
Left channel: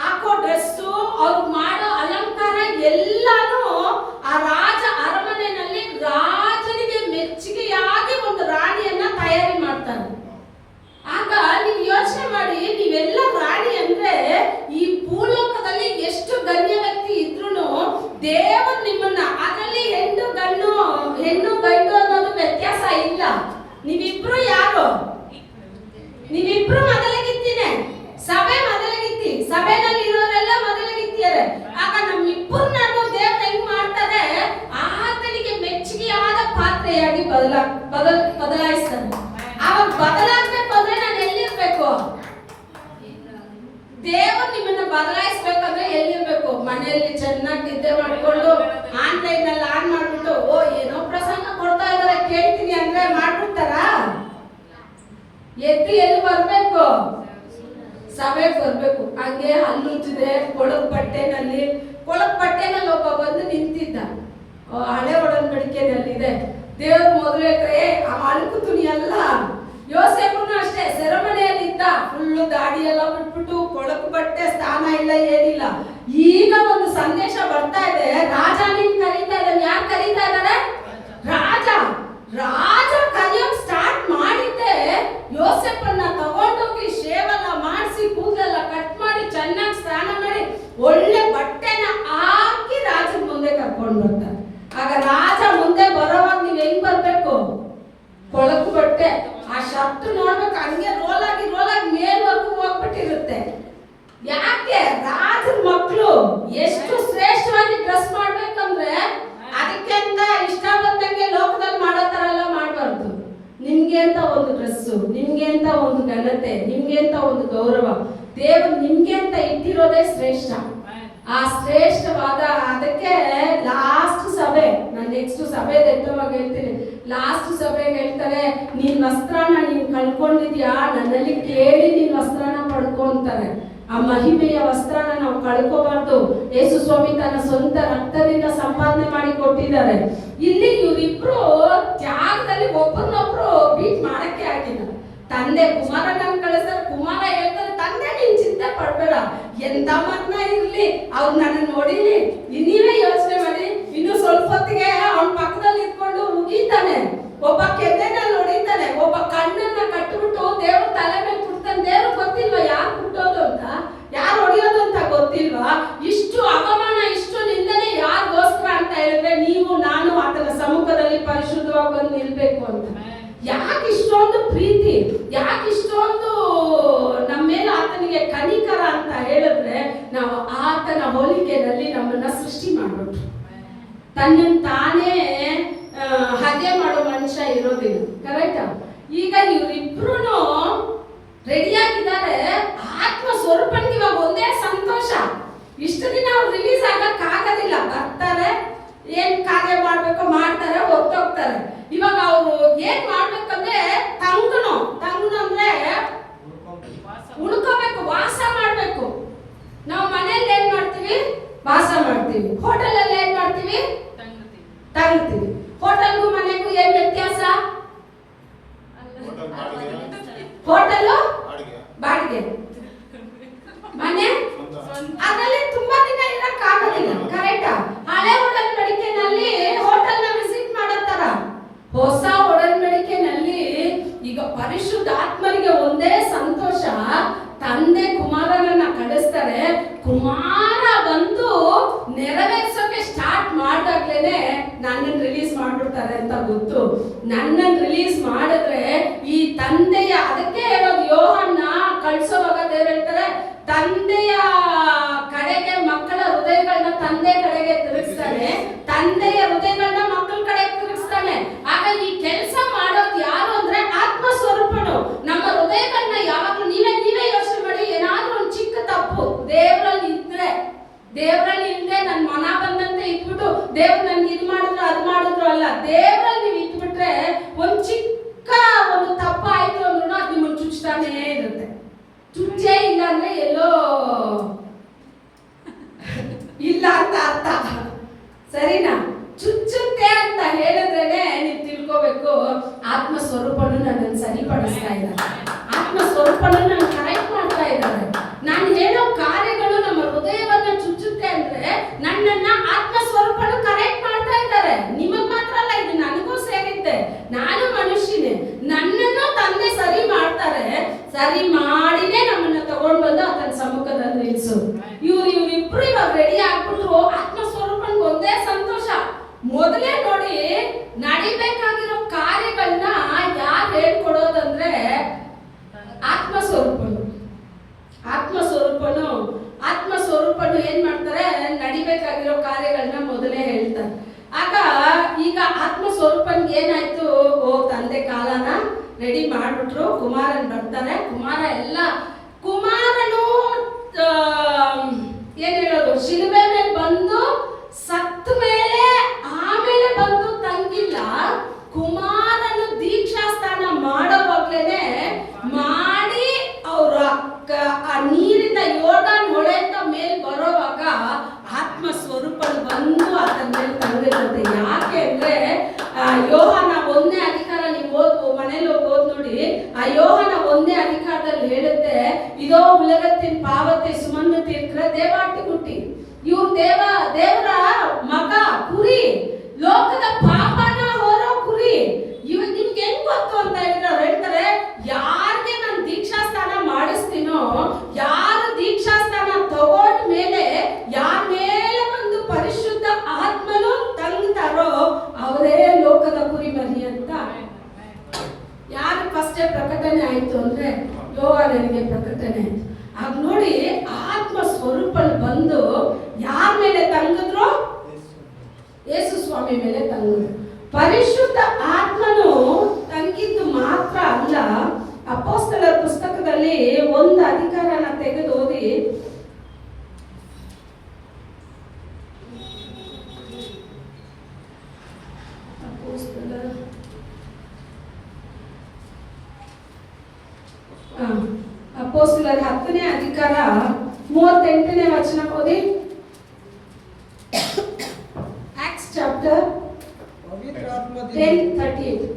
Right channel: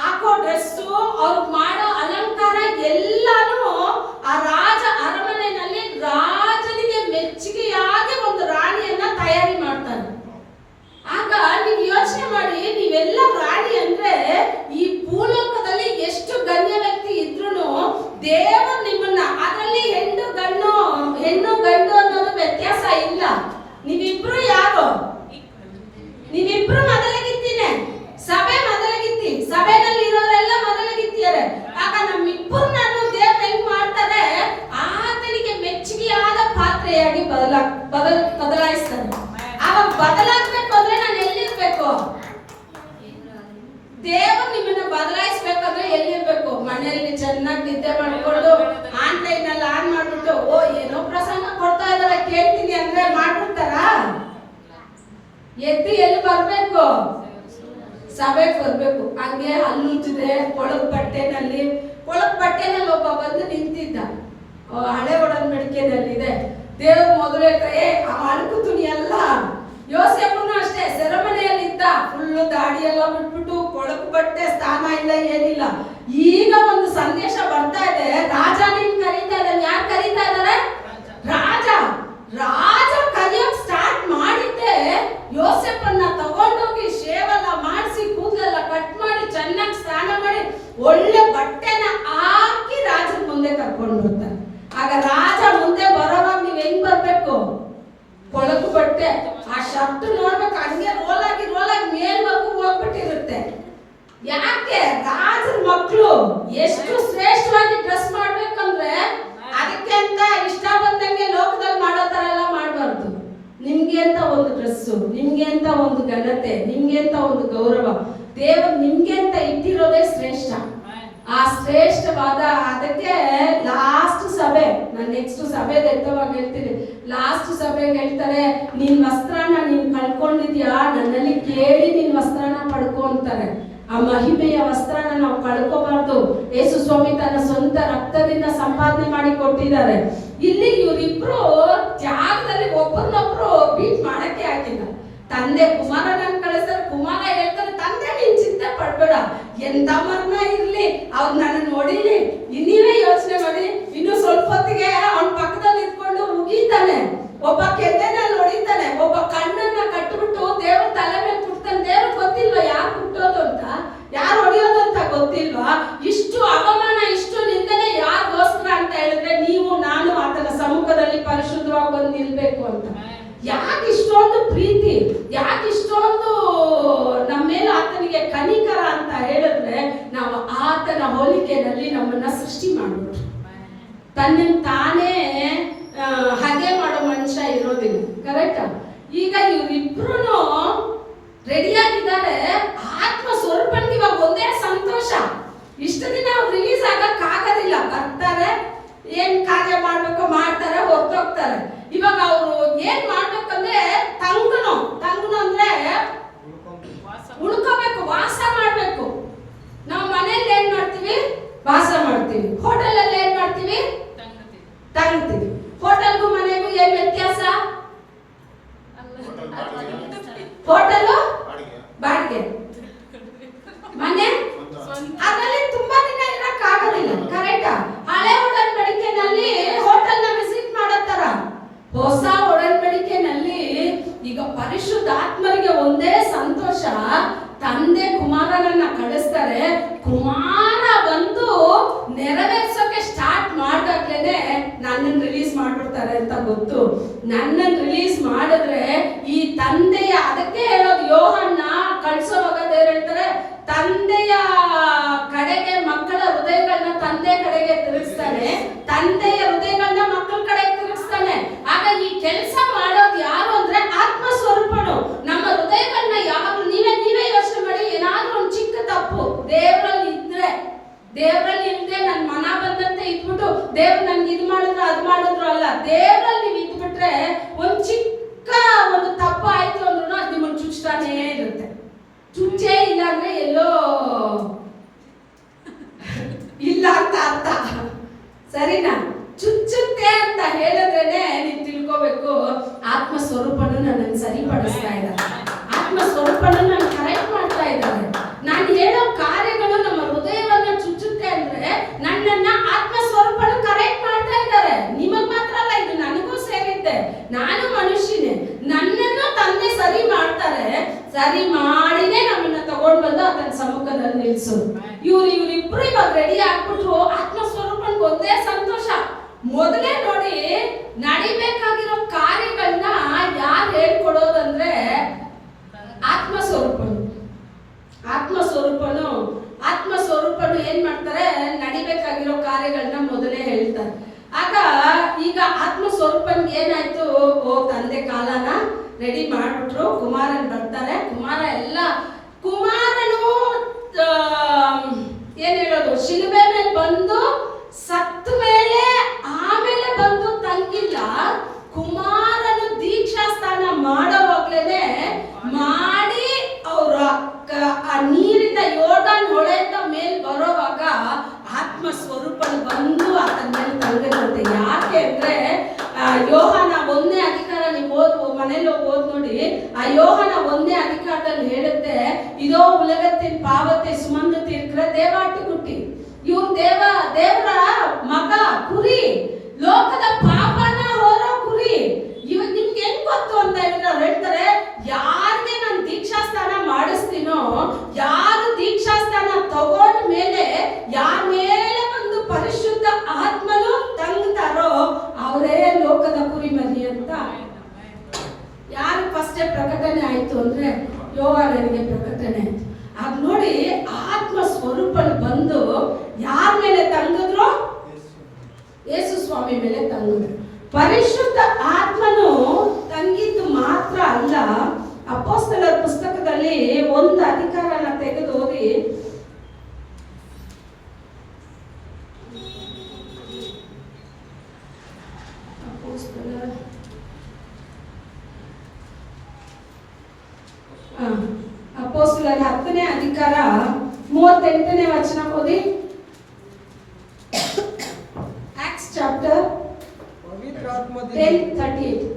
ಹಾಕೋ ಡ್ರೆಸ್ಸು, ಅವ್ರು ಮಾಡೋ ಅಲಂಕಾರ ಎಲ್ಲಾನು ಆ ರಾಜ ಅರಮನೆಯಲ್ಲಿ ರಾಜನಿಗೆ ಮೆಚ್ಚುಗೆಯಾಗಿ ಒಂದು ರಾಣಿಯನ್ನ ತಯಾರಿ ಮಾಡ್ತಾರೆ. ಆಗ ನೀವು ಯೋಚನೆ ಮಾಡಿ, ನೀವೆಲ್ಲ ರಾಣಿ ಅಂದ್ರೆ ಈ ಭೂಲೋಕದಲ್ಲಿ ಎಷ್ಟು ಗಣ್ಯ ವ್ಯಕ್ತಿ ಇದ್ರೂ ದೇವರು ನಿಮ್ಮನ್ನ, ಅದರಲ್ಲಿ ಹೆಣ್ಣು ಗಂಡು ಅನ್ನೋದು ವ್ಯತ್ಯಾಸ ಇಲ್ಲ. ನೀವಿಬ್ರು ಯಾರು? ನೀವಿಬ್ರು ಮೊದಲಗಿತ್ತೀನೆ, ಸಭೆ ಮೊದಲಗಿತ್ತಿ, ಸಭೆನಲ್ಲಿ ಇರೋರೆಲ್ಲ ಮೊದಲಗಿತ್ತಿಯರೆ. ಆಗ ನಮ್ಮಿಬ್ಬರನ್ನು ದೇವ್ರು ಹೆಂಗ್ ಮಾಡ್ತಾರೆ, ಆತನಿಗೆ ಮೆಚ್ಚುಗೆಯಾದ ಪಾತ್ರೆಯಾಗಿ ಬದಲಾಯಿಸ್ತಾರೆ. ಅವಾಗ ಬದಲಾಗ್ಬೇಕು ಅಂದ್ರೆ ನಾನು ಎಲ್ಲಿರ್ಬೇಕು? ದೇವರು ನಿಮ್ಮನ್ನ ಬದಲಾಯಿಸ್ಬೇಕಂದ್ರೆ ಎಲ್ಲಿರ್ಬೇಕು? ಮನೆಯಲ್ಲಿ ಚೆನ್ನಾಗಿ ನಿದ್ದೆ ಮಾಡ್ಕೊಂಡು ಆನ್ಲೈನ್ ಅಲ್ಲಿ ಆನ್ ಮಾಡ್ಬಿಟ್ಟು ಏನೋ ಪ್ರಸಂಗ ಕೊಡ್ತಾ ಇದಾರೆ ಕೇಳ್ತೀನಿ ಅಂದ್ರೆ ಮಾಡ್ಬಿಡ್ತಾರ? ಎದ್ದು ಎಲ್ಲಿ ಬರ್ಬೇಕು? ಸಭೆಗೆ ಬರ್ಬೇಕು. ಹಂಗೆ ಹಲ್ಲುಜ್ಜಿದೆ ಕೊಳಕ್ ಬಟ್ಟೆನಲ್ಲಿ ಒಬ್ಬ ಬಂದು ನಿಂತಿದ್ದ. ಹಳೆ ಒಡಂಬಡಿಕೆಯಲ್ಲಿದೆ, ದೇವ್ರ ಮೊದಲು ಹೇಳ್ತಾರೆ ಆ ಅಳುಕು ತುಣಿ ಅಲ್ಲ. ಯೋಸೇಫನು ಅಷ್ಟೇ ಸೆರೆಮನೆಯಲ್ಲಿ ಇದ್ದ, ಫುಲ್ಲು ದಾಡಿ ಎಲ್ಲ ಬಿಟ್ಬಿಟ್ಟು ಕೊಳಕು ಬಟ್ಟೆ, ಸ್ಥಾನ ಇಲ್ಲ ಏನಿಲ್ಲ. ಈಗ ಒಂದು ಸಂದೇಶ ಬರ್ತಾ ಇದೆ, ರಾಜ ನಿನ್ ಕರೀತಾ ಇದ್ದಾನೆ. ಯಾರು ಕರೀತಾ ಇದ್ದಾರೆ? ರಾಜ ಕರೆಯೋಕ್ ಸ್ಟಾರ್ಟ್ ಮಾಡಿದ್ದೆ ಯೋಸೇಫನ್ನ ತಗೊಂಡೋಗಿ ಶೇವೆಲ್ಲ ಮಾಡಿಸಿ ಕೂದಲೆಲ್ಲ ಕಟ್ ಮಾಡಿ ಚೆನ್ನಾಗಿ ಸ್ನಾನ ಮಾಡಿ ಒಳ್ಳೆ ಬಟ್ಟೆನ ಹಾಕಿ ರಾಜನ ಮುಂದೆ ಕರ್ಕೊಂಡು ಬರ್ತಾರೆ. ಆಗ ರಾಜ ಮುಂದೆ ಬರೋವಾಗ ನೀವ್ ಹೆಂಗ್ ಬರ್ಬೇಕು? ಕೊಳಕು ಬಟ್ಟೆ, ಆ ಶರ್ಟ್ ನೋಡ್ಬೇಕು ಹಂಗೆ ರೋಲಾಗಿ ಮೇಲ್ವರೆಗೂ ಹೋಗ್ಬಿಟ್ಟಿರುತ್ತೆ. ಯಾಕೆ? ರಾಜನ ಮಕ್ಕಳು ಎಷ್ಟು ಶ್ರೇಷ್ಠವಾಗಿ ಡ್ರೆಸ್ ಮಾಡ್ಬೇಕಂದ್ರೆ ಅದಕ್ಕೆ ಅಂತ ಇಷ್ಟ ಬಂದಂಗೆ ಲೋಕದಲ್ಲಿ ಮಾಡೋ ತರ ಎಲ್ಲ ಮಾಡಬಾರ್ದು. ನಿಮ್ಗೆ ಅಂತ ಒಂದು ಡ್ರೆಸ್ಸು, ನಿಮ್ಗೆ ಅಂತ ಒಂದು ಘನತೆ, ನಿಮ್ಗೆ ಅಂತ ಒಂದು ಗೌರವ ದೇವರು ನಿಮ್ಗೆ ಅಂತ ಇಟ್ಟಿರೋದೇ ಶ್ರೇಷ್ಠ. ಆ ಶ್ರೇಷ್ಠವಾದ ಅದಕ್ಕೆ ಲಾಸ್ಟ್ ಸಭೆ, ನಾನು ನೆಕ್ಸ್ಟ್ ಸಭೆ ಎತ್ತುವಾಗ ಹೇಳ್ತೀನಿ, ಲಾಸ್ಟ್ ಸಭೆಗೆ ಹೇಳ್ತಾರೆ, ನೀನ್ ವಸ್ತ್ರನ ನೀನ್ ಕಳ್ಕೊಂಡಿದ್ಯಾ, ನನ್ನಲ್ಲಿ ಕೇಳಿ ನೀನ್ ವಸ್ತ್ರನ ಪಡ್ಕೊ ಅಂತಾರೆ. ಆ ಮಹಿಮೆಯ ವಸ್ತ್ರನ ನಾವು ಕಳ್ಕೋಬಾರ್ದು. ಯೇಸು ಸ್ವಾಮಿ ತನ್ನ ಸ್ವಂತ ರಕ್ತದಿಂದ ಸಂಪಾದನೆ ಮಾಡಿ ಕೊಟ್ಟಿದ್ದಾರೆ. ಇಲ್ಲಿ ಇವರಿಬ್ರು ತ್ಯಾಗದಲ್ಲಿ ಒಬ್ಬರನ್ನೊಬ್ರು ಬೀಟ್ ಮಾಡಕ್ಕೆ ಆಗಿಲ್ಲ. ತಂದೆ ಕುಮಾರನನ್ನು ಕಳಿಸ್ತಾರೆ, ಕುಮಾರ ಹೇಳ್ತಾರೆ, ತಂದೆ ನೀನ್ ಚಿಂತೆ ಪಡ್ಬೇಡ, ಎಂತ ಮರ್ನ ಇರ್ಲಿ, ಅವ್ರು ನನ್ನ ನೋಡಿಲಿ. ನೀವೇ ಯೋಚನೆ ಮಾಡಿ, ಇನ್ನು ಸ್ವಲ್ಪ ಹೊತ್ತಿಗೆ ಅವನ ಪಕ್ಕದಲ್ಲಿ ಇದ್ಕೊಂಡು ಉಗಿತಾನೆ, ಒಬ್ಬ ಕೆನ್ನೆನಲ್ಲಿ ಹೊಡಿತಾನೆ, ಒಬ್ಬ ಕಣ್ಣನ್ನ ಕಟ್ಟಿಬಿಟ್ಟು ದೇವ್ರ ತಲೆ ಮೇಲೆ ಕುಡ್ತಾನೆ. ದೇವ್ರ ಗೊತ್ತಿಲ್ವಾ ಯಾರು ಕುಟ್ಟೋದು ಅಂತ, ಯಾರು ಹೊಡಿಯೋದು ಅಂತ ಗೊತ್ತಿಲ್ವಾ? ಇಷ್ಟು ಅವಮಾನ, ಇಷ್ಟು ನಿಂದನೆ ಯಾರಿಗೋಸ್ಕರ ಅಂತ ಹೇಳಿದ್ರೆ ನೀವು ನಾನು ಆತನ ಸಮ್ಮುಖದಲ್ಲಿ ಪರಿಶುದ್ಧವಾಗಿ ಬಂದು ನಿಲ್ಬೇಕು ಅಂತ. ಯಾಕೆ ಇಷ್ಟೊಂದು ಪ್ರೀತಿ, ಯಾಕೆ ಇಷ್ಟೊಂದು ನಮ್ಮ ಮೇಲೆ ಆತನಿಗೆ ಕನಿಕರ ಅಂತ ಹೇಳಿದ್ರೆ, ನಾವು ಆತನ ಹೋಲಿಕೆಯಲ್ಲಿ ನಮ್ಮನ್ನ ಸೃಷ್ಟಿ ಮಾಡ್ಬಿಟ್ಟು ತನ್ನ ತಾನೇ ಹಾಗೆ ಮಾಡೋ ಮನುಷ್ಯ ಇರೋದಿಲ್ಲ. ಕರೆಕ್ಟಾ? ಈಗ ಇವರಿಬ್ರು ರೆಡಿಯಾಗಿದ್ದಾರೆ. ಆತ್ಮ ಸ್ವರೂಪನಿಗೆ ಇವಾಗ ಒಂದೇ ಸಂತೋಷ. ಇಷ್ಟು ದಿನ ಅವ್ರು ರಿಲೀಸ್ ಆಗಕ್ಕಾಗೋದಿಲ್ಲ, ಬರ್ತಾರೆ, ಏನ್ ಕಾರ್ಯ ಮಾಡ್ಬೇಕು ಮಾಡ್ತಾರೆ, ಹೊರಟೋಗ್ತಾರೆ. ಇವಾಗ ಅವರು ಏನ್ ಮಾಡ್ಬೇಕಂದ್ರೆ ತಂಗುನು ಅಂದ್ರೆ ಉಳ್ಕೋಬೇಕು, ವಾಸ ಮಾಡ್ಬೇಕು. ನಾವು ಮನೆಯಲ್ಲಿ ಏನ್ ಮಾಡ್ತೀವಿ? ವಾಸ ಮಾಡ್ತೀವಿ. ಹೋಟೆಲ್ ಅಲ್ಲಿ ಏನ್ ಮಾಡ್ತೀವಿ? ತಂಗ್ತೀವಿ. ಹೋಟೆಲ್ಗೂ ಮನೆಗೂ ಏನ್ ವ್ಯತ್ಯಾಸ? ಹೋಟೆಲ್ ಬಾಡಿಗೆ, ಮನೆ ಅದರಲ್ಲಿ ತುಂಬಾ ದಿನ ಇರಕ್ ಆಗೋದಿಲ್ಲ. ಕರೆಕ್ಟಾ? ಹಳೆ ಒಡಂಬಡಿಕೆನಲ್ಲಿ ಹೋಟೆಲ್ ನ ವಿಸಿಟ್ ಮಾಡತ್ತಾರ. ಹೊಸ ಒಡಂಬಡಿಕೆನಲ್ಲಿ ಈಗ ಪರಿಶುದ್ಧ ಆತ್ಮರಿಗೆ ನನ್ನನ್ನು ರಿಲೀಸ್ ಮಾಡಿದ್ರೆ ಈ ತಂದೆಯ, ಅದಕ್ಕೆ ಹೇಳೋದು ಯೋಹನ್ನ ಕಳ್ಸೋವಾಗ ದೇವ್ರು ಹೇಳ್ತಾರೆ, ತಂದೆಯ ಕಡೆಗೆ ಮಕ್ಕಳ ಹೃದಯಗಳನ್ನ ತಂದೆ ಕಡೆಗೆ ತಿರುಗಿಸ್ತಾನೆ, ತಂದೆಯ ಹೃದಯಗಳನ್ನ ಮಕ್ಕಳ ಕಡೆಗೆ ತಿರುಗಿಸ್ತಾನೆ. ಆಗ ಈ ಕೆಲಸ ಮಾಡೋದು ಯಾರು ಅಂದ್ರೆ ಆತ್ಮ ಸ್ವರೂಪನು. ನಮ್ಮ ಹೃದಯಗಳನ್ನ ಯಾವಾಗಲೂ ನೀವೇ ಯೋಚನೆ ಮಾಡಿ, ಏನಾದ್ರೂ ಒಂದು ಚಿಕ್ಕ ತಪ್ಪು ದೇವರಲ್ಲಿ ಇಲ್ಲದೆ ನನ್ನ ಮನ ಬಂದಂತೆ ಇದ್ಬಿಟ್ಟು ದೇವ್ರು ನನ್ಗೆ ಇದು ಮಾಡಿದ್ರು ಅದು ಮಾಡಿದ್ರು ಅಲ್ಲ, ದೇವರಲ್ಲಿ ನೀವು ಇದ್ಬಿಟ್ರೆ ಒಂದು ಚಿಕ್ಕ ಒಂದು ತಪ್ಪು ಆಯ್ತು ಅಂದ್ರೂ ಅದು ನಿಮ್ಮನ್ನು ಚುಚ್ತಾನೇ ಇರುತ್ತೆ. ಚುಚ್ಚೇ ಇಲ್ಲ ಅಂದ್ರೆ ಎಲ್ಲೋ ಇಲ್ಲ ಅಂತ ಅರ್ಥ, ಸರಿನಾ? ಚುಚ್ಚುತ್ತೆ ಅಂತ ಹೇಳಿದ್ರೇನೆ ನೀವು ತಿಳ್ಕೋಬೇಕು, ಆತ್ಮ ಸ್ವರೂಪನು ನನ್ನನ್ನು ಸರಿಪಡಿಸ್ತಾ ಇದ್ದಾರೆ, ಆತ್ಮ ಸ್ವರೂಪನು ನನ್ನ ಕರೆಕ್ಟ್ ಮಾಡ್ತಾ ಇದ್ದಾರೆ. ನಾನು ಹೇಳೋ ಕಾರ್ಯಗಳು ನಮ್ಮ ಹೃದಯವನ್ನ ಚುಚ್ಚುತ್ತೆ ಅಂದ್ರೆ ನನ್ನನ್ನ ಆತ್ಮ ಸ್ವರೂಪನು ಕರೆಕ್ಟ್ ಮಾಡ್ತಾ ಇದ್ದಾರೆ. ನಿಮಗ್ ಮಾತ್ರ ಅಲ್ಲ, ಇದು ನನಗೂ ಸೇರಿದ್ದೆ, ನಾನು ಮನುಷ್ಯನೇ, ನನ್ನನ್ನು ತಂದೆ ಸರಿ ಮಾಡ್ತಾರೆ. ಸರಿ ಮಾಡಿನೇ ನಮ್ಮನ್ನ ತಗೊಂಡ್ ಬಂದು ಆತನ ಸಮ್ಮುಖದಲ್ಲಿ ನಿಲ್ಸು. ಇವ್ರಿಬ್ರು ಇವಾಗ ರೆಡಿ ಆಗ್ಬಿಟ್ರು. ಆತ್ಮ ಸ್ವರೂಪನ್ಗೆ ಒಂದೇ ಸಂತೋಷ. ಮೊದಲೇ ನೋಡಿ, ನಡಿಬೇಕಾಗಿರೋ ಕಾರ್ಯಗಳನ್ನ ಯಾರು ಹೇಳ್ಕೊಡೋದಂದ್ರೆ ಆತ್ಮ ಸ್ವರೂಪನು. ಆತ್ಮ ಸ್ವರೂಪನು ಏನ್ ಮಾಡ್ತಾರೆ, ನಡಿಬೇಕಾಗಿರೋ ಕಾರ್ಯಗಳನ್ನ ಮೊದಲೇ ಹೇಳ್ತಾರೆ. ಆಗ ಈಗ ಆತ್ಮ ಸ್ವರೂಪನ್ಗೆ ಏನಾಯ್ತು, ತಂದೆ ಕಾಲನ ರೆಡಿ ಮಾಡ್ಬಿಟ್ರು, ಕುಮಾರನ್ ಬರ್ತಾರೆ. ಕುಮಾರನು ಏನ್ ಹೇಳೋದು, ಶಿಲುಬೆ ಮೇಲೆ ಬಂದು ಸತ್ತ ಮೇಲೆ ಆಮೇಲೆ ಬಂದು ತಂಗಿಲ್ಲ. ಕುಮಾರನು ದೀಕ್ಷಾ ಸ್ನಾನ ಮಾಡೋವಾಗ್ಲೇನೆ ಮಾಡಿ ಅವ್ರ ಆ ನೀರಿಂದ ಯೋರ್ದಾನ್ ಹೊಳೆಯಿಂದ ಮೇಲ್ ಬರೋವಾಗ ಆತ್ಮ ಸ್ವರೂಪನ್ ಬಂದು ಆತನ ಮೇಲೆ ತಂದಿರುತ್ತೆ. ಯಾಕೆ ಅಂದ್ರೆ ಯೋಹನ 1ನೇ ಅಧಿಕಾರ, ನೀವು ಮನೇಲಿ ಓದ್ ನೋಡಿ, ಆ ಯೋಹನ 1ನೇ ಅಧಿಕಾರದಲ್ಲಿ ಹೇಳುತ್ತೆ, ಇದೋ ಉಲಗತ್ತಿನ ಪಾವತಿ ಸುಮಂದು ತೀರ್ಕ್ರ ದೇವಾಟುಗುಟ್ಟಿ. ಇವ್ರು ದೇವರ ಮಗ, ಕುರಿ, ಲೋಕದ ಪಾಪನ ಹೊರೋ ಕುರಿ. ಇವಾಗ ನಿಮ್ಗೆ ಹೆಂಗ್ ಗೊತ್ತು ಅಂತ ಹೇಳಿದ್ರೆ ಅವ್ರು ಹೇಳ್ತಾರೆ, ಯಾರಿಗೆ ನಾನು ದೀಕ್ಷಾಸ್ನಾನ ಮಾಡಿಸ್ತೀನೋ, ಯಾರು ದೀಕ್ಷಾಸ್ನಾನ ತಗೊಂಡ ಮೇಲೆ ಯಾರ ಮೇಲೆ ಒಂದು ಪರಿಶುದ್ಧ ಆತ್ಮನು ತಂಗ್ತಾರೋ ಅವರೇ ಲೋಕದ ಕುರಿಮರಿ ಅಂತ. ಯಾರು ಫಸ್ಟ್ ಪ್ರಕಟಣೆ ಆಯ್ತು ಅಂದ್ರೆ ಯೋಹಾನನಿಗೆ ಪ್ರಕಟಣೆ ಆಯ್ತು. ಆಗ ನೋಡಿ, ಆತ್ಮ ಸ್ವರೂಪನು ಬಂದು ಯಾರ ಮೇಲೆ ತಂಗಿದ್ರು, ಯೇಸು ಸ್ವಾಮಿ ಮೇಲೆ ತಂಗಿದ್ರು. ಪರಿಶುದ್ಧ ಆತ್ಮನು ತಂಗಿದ್ದು ಮಾತ್ರ ಅಲ್ಲ, ಅಪೊಸ್ತಲರ ಪುಸ್ತಕದಲ್ಲಿ 1 ಅಧಿಕಾರನ ತೆಗೆದು ಓದಿ. ಅಪೊಸ್ತಲರ 10ನೇ ಅಧಿಕಾರ 38ನೇ ವಚನ ಓದಿ. Acts chapter 10:38.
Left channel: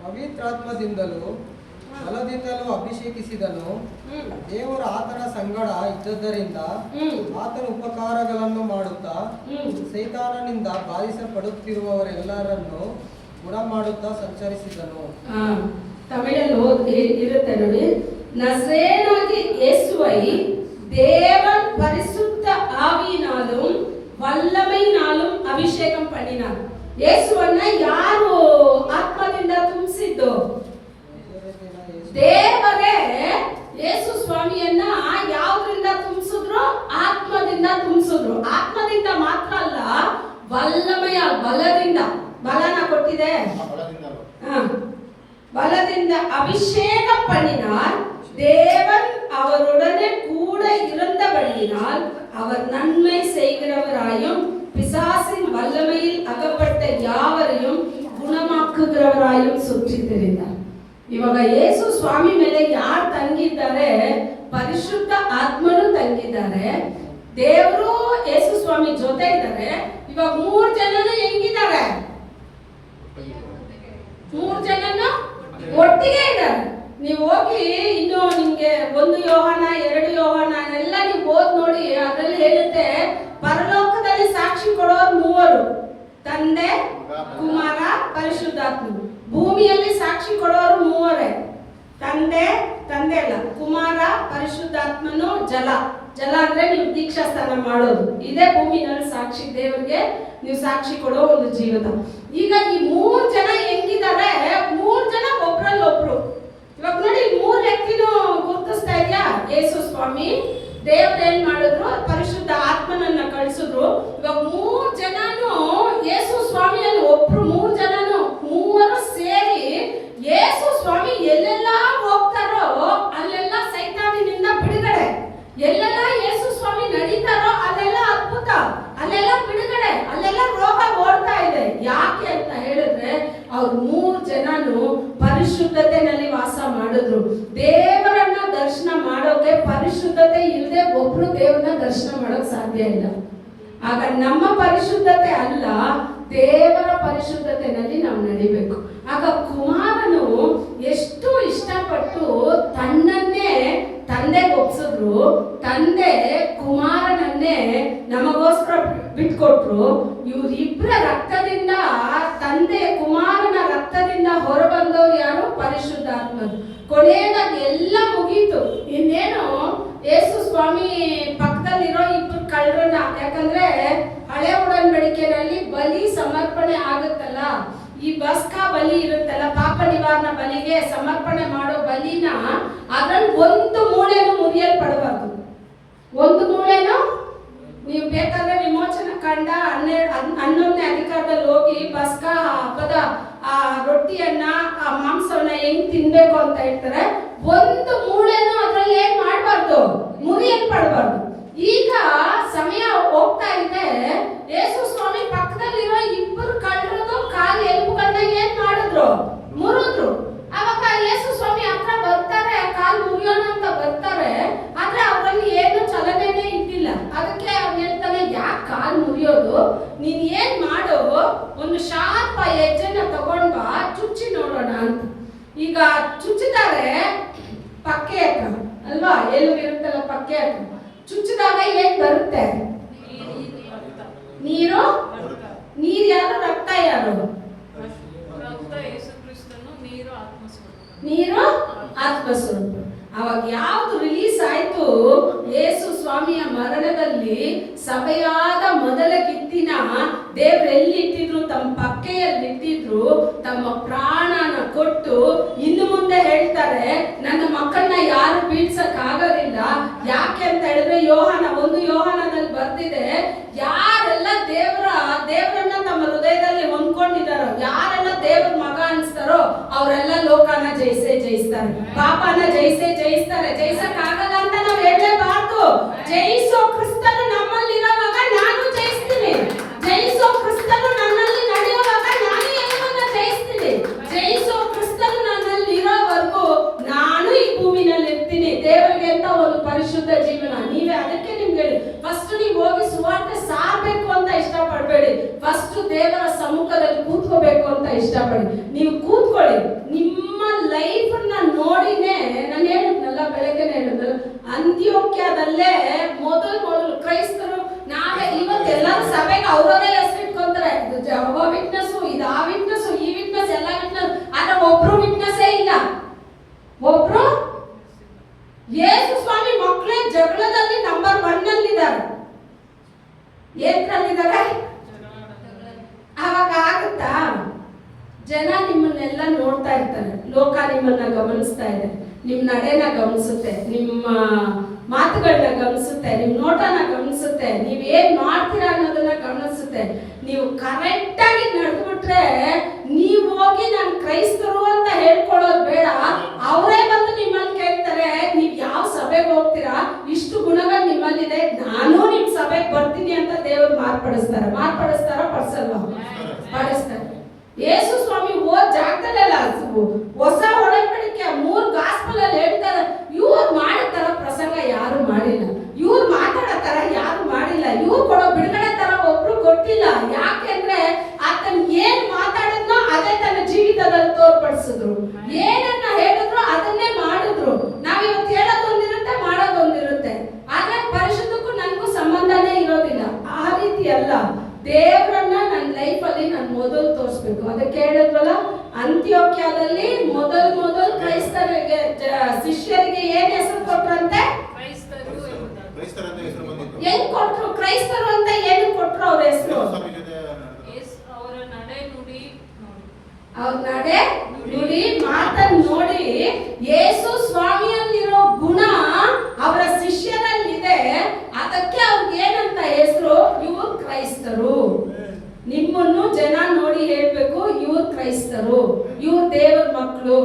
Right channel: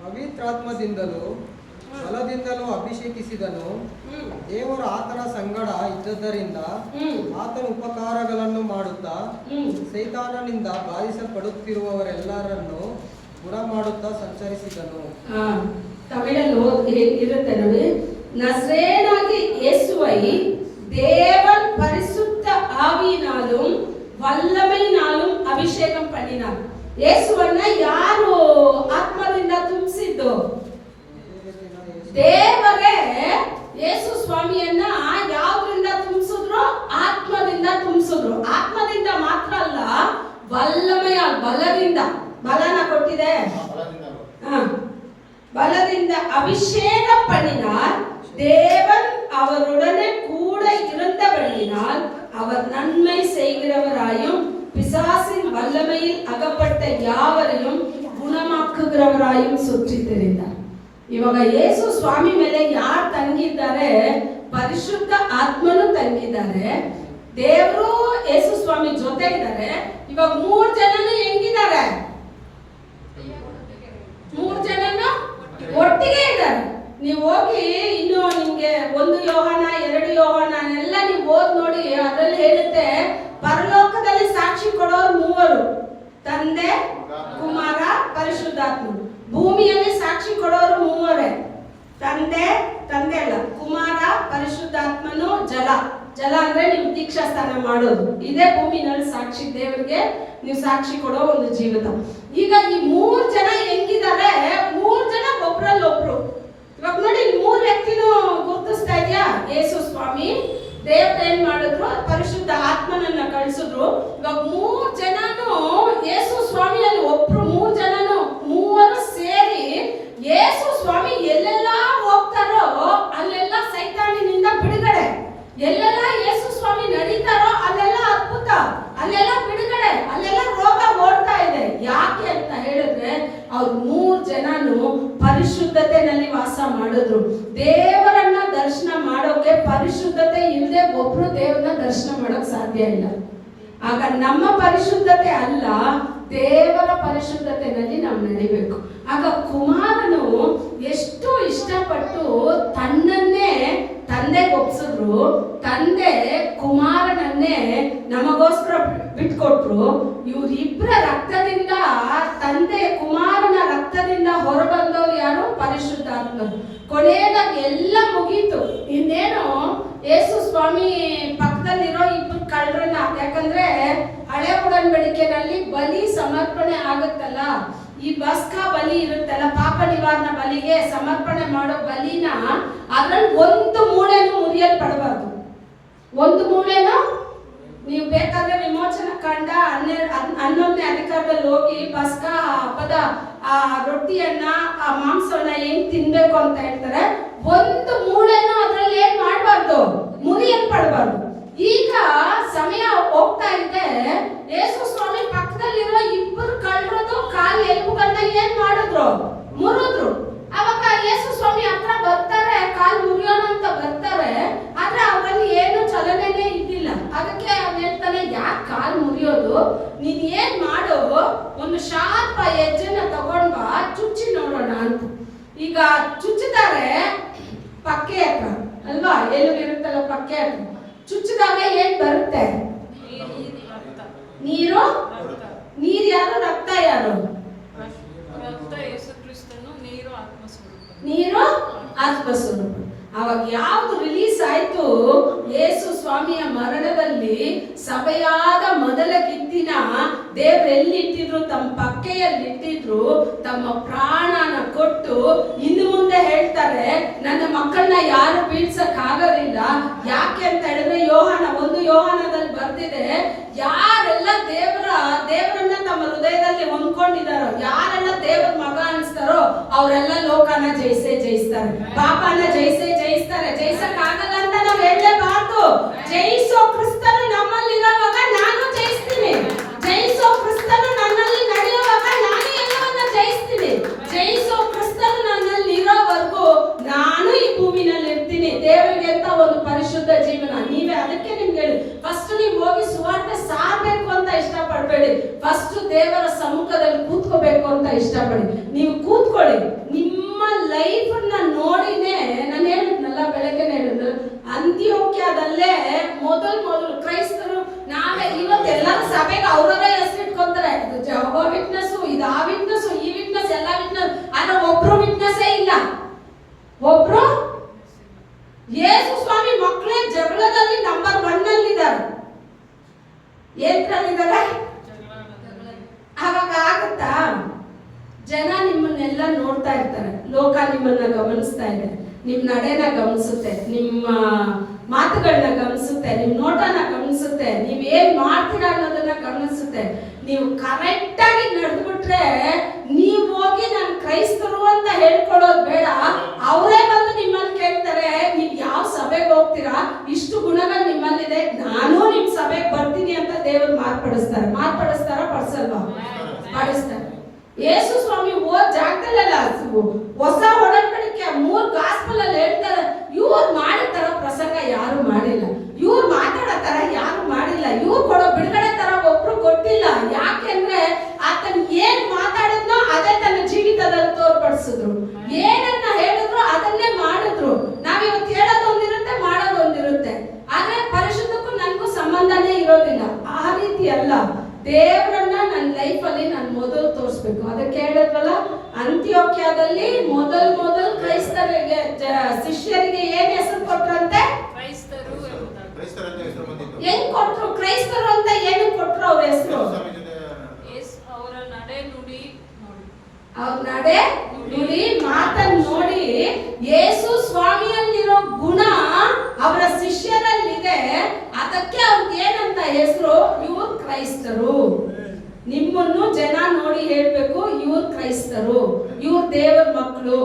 ಪವಿತ್ರಾತ್ಮದಿಂದಲೂ ಬಲದಿಂದಲೂ ಅಭಿಷೇಕಿಸಿದನು. ದೇವರು ಆತನ ಸಂಗಡ ಇದ್ದದ್ದರಿಂದ ಆತನ ಉಪಕಾರಗಳನ್ನು ಮಾಡುತ್ತಾ ಸೈತಾನನಿಂದ ಬಾಧಿಸಲ್ಪಡುತ್ತಿರುವವರೆಲ್ಲರನ್ನು ಗುಣ ಮಾಡುತ್ತಾ ಸಂಚರಿಸಿದನು. ತಮಿಳಲ್ಲಿ ಇರುತ್ತೆ ನೋಡಿ, நசரேனாகிய இயேசுவை தேவன் பரிசுத்த ஆவியினாலும் வல்லமையினாலும் அபிஷேகம் பண்ணினார். ಯೇಸುವನ್ನ ಯಾರು ಆತ್ಮದಿಂದ ತುಂಬಿಸಿದ್ದು? ದೇವರೇ ಯೇಸು ಸ್ವಾಮಿಯನ್ನ ಯಾವ್ದ್ರಿಂದ ತುಂಬಿಸಿದ್ರು? ಆತ್ಮದಿಂದ ತುಂಬಿಸಿದ್ರು. ಆತ್ಮದಿಂದ ಮಾತ್ರ ಅಲ್ಲ, ವಲ್ಲಮಯ ಬಲದಿಂದ, ಬಲನ ಕೊಟ್ಟಿದೆ, பலದಿಂದ அபிஷேகம் பண்ணினார். தேவன் அவருடனே கூட இருந்தபடியினால் அவர் நன்மை செய்கிறவராயும் பிசாசின் வல்லமையில் அகப்பட்ட யாவரையும் ಗುಣಮಾಕುகிறವರಾயும் ಸುತ್ತಿ ತಿರುಗಿದ್ದಾರೆ. ಇವಾಗ ಯೇಸು ಸ್ವಾಮಿ ಮೇಲೆ ಯಾರು ತಂಗಿದ್ದಾರೆ? ಪರಿಶುದ್ಧ ಆತ್ಮನು ತಂಗಿದ್ದಾರೆ. ದೇವರು ಯೇಸು ಸ್ವಾಮಿ ಜೊತೆ ಇದ್ದಾರೆ. ಇವಾಗ 3 ಜನನು ಹೆಂಗಿದ್ದಾರೆ? 3 ಜನನು ಒಟ್ಟಿಗೆ ಇದ್ದಾರೆ. ನೀವು ಹೋಗಿ ಇನ್ನು ನಿಮ್ಗೆ 1 ಯೋಹಾನ 2 ಯೋಹಾನ ಎಲ್ಲ ನೀವು ಓದ್ ನೋಡಿ, ಅದರಲ್ಲಿ ಹೇಳುತ್ತೆ ಪರಲೋಕದಲ್ಲಿ ಸಾಕ್ಷಿ ಕೊಡೋರು 3, ತಂದೆ, ಕುಮಾರ, ಪರಿಶುದ್ಧಾತ್ಮ. ಭೂಮಿಯಲ್ಲಿ ಸಾಕ್ಷಿ ಕೊಡೋರು 3, ತಂದೆ ಅಲ್ಲ, ಕುಮಾರ, ಪರಿಶುದ್ಧಾತ್ಮನು, ಜಲ ಅಂದ್ರೆ ನೀವು ದೀಕ್ಷಾ ಸ್ನಾನ ಮಾಡೋದು. ಇದೇ ಭೂಮಿನಲ್ಲಿ ಸಾಕ್ಷಿ ದೇವರಿಗೆ ನೀವು ಸಾಕ್ಷಿ ಕೊಡೋ ಒಂದು ಜೀವಿತ. ಈಗ ಈ 3 ಜನ ಹೆಂಗಿದ್ದಾರೆ, 3 ಜನ ಒಬ್ರಲ್ಲೊಬ್ರು. ಇವಾಗ ನೋಡಿ 3 ವ್ಯಕ್ತಿನೂ ಗುರುತಿಸ್ತಾ ಇದೆಯಾ? ಯೇಸು ಸ್ವಾಮಿ, ದೇವ್ರು ಏನ್ ಮಾಡಿದ್ರು, ಪರಿಶುದ್ಧ ಆತ್ಮನನ್ನ ಕಳಿಸಿದ್ರು. ಇವಾಗ 3 ಜನನು ಯೇಸು ಸ್ವಾಮಿಯಲ್ಲಿ ಒಬ್ರು, 3 ಜನನು ಮೂವರು ಸೇರಿ ಯೇಸು ಸ್ವಾಮಿ ಎಲ್ಲೆಲ್ಲ ಹೋಗ್ತಾರೋ ಅಲ್ಲೆಲ್ಲ ಸೈತಾನಿನಿಂದ ಬಿಡುಗಡೆ, ಎಲ್ಲೆಲ್ಲ ಯೇಸು ಸ್ವಾಮಿ ನಡೀತಾರೋ ಅಲ್ಲೆಲ್ಲ ಅದ್ಭುತ, ಅಲ್ಲೆಲ್ಲ ಬಿಡುಗಡೆ, ಅಲ್ಲೆಲ್ಲ ರೋಗ ಓಡ್ತಾ ಇದೆ. ಯಾಕೆ ಅಂತ ಹೇಳಿದ್ರೆ ಅವ್ರು 3 ಜನನು ಪರಿಶುದ್ಧತೆಯಲ್ಲಿ ವಾಸ ಮಾಡಿದ್ರು. ದೇವರನ್ನ ದರ್ಶನ ಮಾಡೋಕೆ ಪರಿಶುದ್ಧತೆ ಇಲ್ಲದೆ ಒಬ್ರು ದೇವರನ್ನ ದರ್ಶನ ಮಾಡೋಕ್ ಸಾಧ್ಯ ಇಲ್ಲ. ಆಗ ನಮ್ಮ ಪರಿಶುದ್ಧತೆ ಅಲ್ಲ, ದೇವರ ಪರಿಶುದ್ಧತೆಯಲ್ಲಿ ನಾವು ನಡಿಬೇಕು. ಆಗ ಕುಮಾರನು ಎಷ್ಟು ಇಷ್ಟಪಟ್ಟು ತನ್ನನ್ನೇ ತಂದೆಗೆ ಒಪ್ಸಿದ್ರು, ತಂದೆ ಕುಮಾರನನ್ನೇ ನಮಗೋಸ್ಕರ ಬಿಟ್ಕೊಟ್ರು. ಇವರಿಬ್ಬರ ರಕ್ತದಿಂದ, ತಂದೆ ಕುಮಾರನ ರಕ್ತದಿಂದ ಹೊರಬಂದವ್ರು ಯಾರು? ಪರಿಶುದ್ಧಾತ್ಮರು. ಕೊನೆಯದಾಗಿ ಎಲ್ಲ ಮುಗೀತು. ಇನ್ನೇನು ಯೇಸು ಸ್ವಾಮಿ ಪಕ್ಕದಲ್ಲಿರೋ 2 ಕಳ್ಳರನ್ನ, ಯಾಕಂದ್ರೆ ಹಳೆ ಉಡன்பಡಿಕೆಯಲ್ಲಿ ಬಲಿ ಸಮರ್ಪಣೆ ಆಗುತ್ತಲ್ಲ, ಈ ಬಸ್ಕಾ ಬಲಿ ಇರುತ್ತಲ್ಲ, ಪಾಪ ನಿವಾರಣಾ ಬಲಿಗೆ ಸಮರ್ಪಣೆ ಮಾಡೋ ಬಲಿನ ಅದ್ರಲ್ಲಿ 1 ಮೂಳೆನೂ ಮುರಿಯಲ್ಪಡಬಾರ್ದು. 1 ಮೂಳೆನೂ ನೀವು ಬೇಕಾದ್ರೆ ವಿಮೋಚನ ಕಂಡ 11ನೇ ಅಧಿಕಾರದಲ್ಲಿ ಹೋಗಿ ಬಸ್ಕಾ ಹಬ್ಬದ ಆ ರೊಟ್ಟಿಯನ್ನ, ಆ ಮಾಂಸವನ್ನ ಹೆಂಗ್ ತಿನ್ಬೇಕು ಅಂತ ಹೇಳ್ತಾರೆ. 1 ಮೂಳೆನೂ ಅದ್ರಲ್ಲಿ ಏನ್ ಮಾಡಬಾರ್ದು, ಮುರಿಯಲ್ಪಡಬಾರ್ದು. ಈಗ ಸಮಯ ಹೋಗ್ತಾ ಇದೆ, ಯೇಸು ಸ್ವಾಮಿ ಪಕ್ಕದಲ್ಲಿರೋ 2 ಕಳ್ಳರದು ಕಾಲು ಎಲುಬುಗಳನ್ನ ಏನ್ ಮಾಡಿದ್ರು? ಮುರಿದ್ರು. ಅವಾಗ ಯೇಸು ಸ್ವಾಮಿ ಹತ್ರ ಬರ್ತಾರೆ, ಕಾಲು ಮುರಿಯೋಣ ಅಂತ ಬರ್ತಾರೆ. ಆದ್ರೆ ಅವರಲ್ಲಿ ಏನು ಚಲನೆನೇ ಇದ್ದಿಲ್ಲ. ಅದಕ್ಕೆ ಅವ್ನು ಹೇಳ್ತಾನೆ, ಯಾಕೆ ಕಾಲು ಮುರಿಯೋದು? ನೀನ್ ಏನ್ ಮಾಡು, ಒಂದು ಶಾರ್ಪ ಹೆಜ್ಜೆನ ತಗೊಂಡ್ ಬಾ, ಚುಚ್ಚಿ ನೋಡೋಣ ಅಂತ. ಈಗ ಚುಚ್ಚಿದ್ದಾರೆ ಪಕ್ಕೆ ಹತ್ರ ಅಲ್ವಾ, ಎಲ್ಲಿ ಇರುತ್ತಲ್ಲ ಪಕ್ಕೆ ಹತ್ರ. ಚುಚ್ಚಿದಾಗ ಏನ್ ಬರುತ್ತೆ? ನೀರು. ನೀರು ಯಾರು? ರಕ್ತ ಯಾರು? ನೀರು ಆತ್ಮಸ್ವರೂಪ. ಅವಾಗ ಯಾವ್ದು ರಿಲೀಸ್ ಆಯ್ತು? ಯೇಸು ಸ್ವಾಮಿಯ ಮರಣದಲ್ಲಿ ಸಭೆಯಾದ ಮೊದಲ ಕಿತ್ತಿನ ದೇವ್ರು ಎಲ್ಲಿಟ್ಟಿದ್ರು? ತಮ್ಮ ಪಕ್ಕೆಯಲ್ಲಿ ಇಟ್ಟಿದ್ರು. ತಮ್ಮ ಪ್ರಾಣನ ಕೊಟ್ಟು ಇನ್ನು ಮುಂದೆ ಹೇಳ್ತಾರೆ, ನನ್ನ ಮಕ್ಕಳನ್ನ ಯಾರು ಬೀಳ್ಸಕ್ ಆಗೋದಿಲ್ಲ. ಯಾಕೆ ಅಂತ ಹೇಳಿದ್ರೆ ಯೋಹಾನ 1 ಯೋಹಾನದಲ್ಲಿ ಬರ್ದಿದೆ, ಯಾರೆಲ್ಲ ದೇವರನ್ನ ತಮ್ಮ ಹೃದಯದಲ್ಲಿ ಹೊಂದ್ಕೊಂಡಿದಾರೋ, ಯಾರೆಲ್ಲ ದೇವ್ರ ಮಗ ಅನ್ಸ್ತಾರೋ ಅವರೆಲ್ಲ ಲೋಕನ ಜಯಿಸ್ತಾರೆ, ಪಾಪನ ಜಯಿಸ್ತಾರೆ. ಜಯಿಸಕ್ ಆಗಲ್ಲ ಅಂತ ನಾವ್ ಹೇಳಲೇಬಾರ್ದು. ಜಯಿಸೋ ಕ್ರಿಸ್ತನು ನಮ್ಮಲ್ಲಿರುವಾಗ ನಾನು ಜಯಿಸ್ತೀನಿ, ಜಯಿಸೋ ಕ್ರಿಸ್ತನು ನನ್ನಲ್ಲಿ ನಡೆಯುವಾಗ ನಾನು ಎಲ್ಲವನ್ನ ಜಯಿಸ್ತೀನಿ. ಜಯಿಸೋ ಕ್ರಿಸ್ತನು ನನ್ನಲ್ಲಿ ಇರೋವರೆಗೂ ನಾನು ಈ ಭೂಮಿನಲ್ಲಿ ಇರ್ತೀನಿ. ದೇವರಿಗೆ ಅಂತ ಒಂದು ಪರಿಶುದ್ಧ ಜೀವನ. ನೀವೇ ಅದಕ್ಕೆ ನಿಮ್ಗೆ ಹೇಳಿ, ಫಸ್ಟ್ ನೀವು ಹೋಗಿ ಸುವಾರ್ತೆ ಸಾರಬೇಕು ಅಂತ ಇಷ್ಟಪಡಬೇಡಿ. ಫಸ್ಟ್ ದೇವರ ಸಮ್ಮುಖದಲ್ಲಿ ಕೂತ್ಕೋಬೇಕು ಅಂತ ಇಷ್ಟಪಡಿ. ನೀವು ಕೂತ್ಕೊಳ್ಳಿ. ನಿಮ್ಮ ಲೈಫ್ ನ ನೋಡಿನೇ ನಾನು ಹೇಳಿದ್ನಲ್ಲ, ಬೆಳಗ್ಗೆ ಹೇಳಿದ್ರು, ಅಂತ್ಯೋಕ್ಯದಲ್ಲೇ ಮೊದಲು ಕ್ರೈಸ್ತರು ನಾವೇ ಇವತ್ತು ಎಲ್ಲರೂ ಸಭೆಗೆ ಅವರವರೇ ಹೆಸರು ಇಟ್ಕೊಂತಾರೆ. ಇದು ಜೆಹೋವಾ ವಿಟ್ನೆಸ್, ಇದು ಆ ವಿಟ್ನೆಸ್, ಈ ವಿಟ್ನೆಸ್, ಎಲ್ಲ ವಿಟ್ನೆಸ್. ಆದ್ರೆ ಒಬ್ರು ವಿಟ್ನೆಸ್ಸೇ ಇಲ್ಲ. ಒಬ್ರು ಯೇಸು ಸ್ವಾಮಿ ಮಕ್ಕಳೇ ಜಗಳದಲ್ಲಿ ನಂಬರ್ 1 ಅಲ್ಲಿದ್ದಾರೆ. ಏನ್ರಲ್ಲಿದ್ದಾರೆ? ಅವಾಗ ಆಗುತ್ತಾ? ಜನ ನಿಮ್ಮನ್ನೆಲ್ಲ ನೋಡ್ತಾ ಇರ್ತಾರೆ, ಲೋಕ ನಿಮ್ಮನ್ನ ಗಮನಿಸ್ತಾ ಇದೆ, ನಿಮ್ ನಡೆನ ಗಮನಿಸುತ್ತೆ, ನಿಮ್ಮ ಮಾತುಗಳನ್ನ ಗಮನಿಸುತ್ತೆ, ನಿಮ್ ನೋಟನ ಗಮನಿಸುತ್ತೆ, ನೀವ್ ಏನ್ ಮಾಡ್ತೀರಾ ಅನ್ನೋದನ್ನ ಗಮನಿಸುತ್ತೆ. ನೀವು ಕರೆಕ್ಟ್ ಆಗಿ ನಡೆದ್ಬಿಟ್ರೆ ನೀವು ಹೋಗಿ ನಾನು ಕ್ರೈಸ್ತರು ಅಂತ ಹೇಳ್ಕೊಳ್ಳೋದು ಬೇಡ. ಅವರೇ ಬಂದು ನಿಮ್ಮಲ್ಲಿ ಕೇಳ್ತಾರೆ, ನೀವ್ ಯಾವ ಸಭೆಗೆ ಹೋಗ್ತೀರಾ, ಇಷ್ಟು ಗುಣಗಳು ನಿಮ್ಮಲ್ಲಿದೆ, ನಾನು ನಿಮ್ ಸಭೆಗೆ ಬರ್ತೀನಿ ಅಂತ ದೇವರು ಮಾರ್ಪಡಿಸ್ತಾರೋ ಪಡಿಸಲ್ವಾ? ಪಡಿಸ್ತಾರೆ. ಯೇಸು ಸ್ವಾಮಿ ಹೋದ ಜಾಗದಲ್ಲೆಲ್ಲ ಹೊಸ ಒಡಂಬಡಿಕೆ 3 ಗಾಸ್ಪಲ್ ಅಲ್ಲಿ ಹೇಳ್ತಾರೆ, ಇವ್ರು ಮಾಡೋ ತರ ಪ್ರಸಂಗ ಯಾರು ಮಾಡಿಲ್ಲ, ಇವ್ರು ಮಾತಾಡೋ ತರ ಯಾರು ಮಾಡಿಲ್ಲ, ಇವ್ರು ಕೊಡೋ ಬಿಡುಗಡೆ ತರ ಒಬ್ರು ಕೊಟ್ಟಿಲ್ಲ. ಯಾಕೆಂದ್ರೆ ಆತನ ಏನ್ ಮಾತಾಡಿದ್ನೋ ಅದೇ ತನ್ನ ಜೀವಿತದಲ್ಲಿ ತೋರ್ಪಡಿಸಿದ್ರು. ಏನನ್ನ ಹೇಳಿದ್ರು ಅದನ್ನೇ ಮಾಡಿದ್ರು. ನಾವ್ ಇವತ್ತು ಹೇಳೋದೊಂದಿರುತ್ತೆ, ಮಾಡೋದೊಂದಿರುತ್ತೆ. ಆದ್ರೆ ಪರಿಶುದ್ಧಕ್ಕೂ ನನಗೂ ಸಂಬಂಧನೇ ಇರೋದಿಲ್ಲ. ಆ ರೀತಿ ಅಲ್ಲ. ದೇವರನ್ನ ನನ್ನ ಲೈಫ್ ಅಲ್ಲಿ ನಾನು ಮೊದಲು ತೋರಿಸ್ಬೇಕು. ಅದಕ್ಕೆ ಹೇಳಿದ್ವಲ್ಲ, ಅಂತ್ಯೋಕ್ಯದಲ್ಲಿ ಮೊದಲು ಕ್ರೈಸ್ತರಿಗೆ ಶಿಷ್ಯರಿಗೆ ಏನ್ ಹೆಸರು ಕೊಟ್ರಂತೆ? ಹೆಂಗ್ ಕೊಟ್ರು? ಕ್ರೈಸ್ತರು ಅಂತ ಏನು ಕೊಟ್ರು ಅವ್ರ ಹೆಸರು? ಅವ್ರ ನಡೆ ನುಡಿ ಮಾತನ್ನು ನೋಡಿ ಯೇಸು ಸ್ವಾಮಿಯಲ್ಲಿರೋ ಗುಣ ಅವರ ಶಿಷ್ಯರಲ್ಲಿದೆ. ಅದಕ್ಕೆ ಅವ್ರಿಗೆ ಏನಂತ ಹೆಸರು, ಇವ್ರು ಕ್ರೈಸ್ತರು. ನಿಮ್ಮನ್ನು ಜನ ನೋಡಿ ಹೇಳ್ಬೇಕು, ಇವ್ರು ಕ್ರೈಸ್ತರು, ಇವ್ರು ದೇವರ ಮಕ್ಕಳು,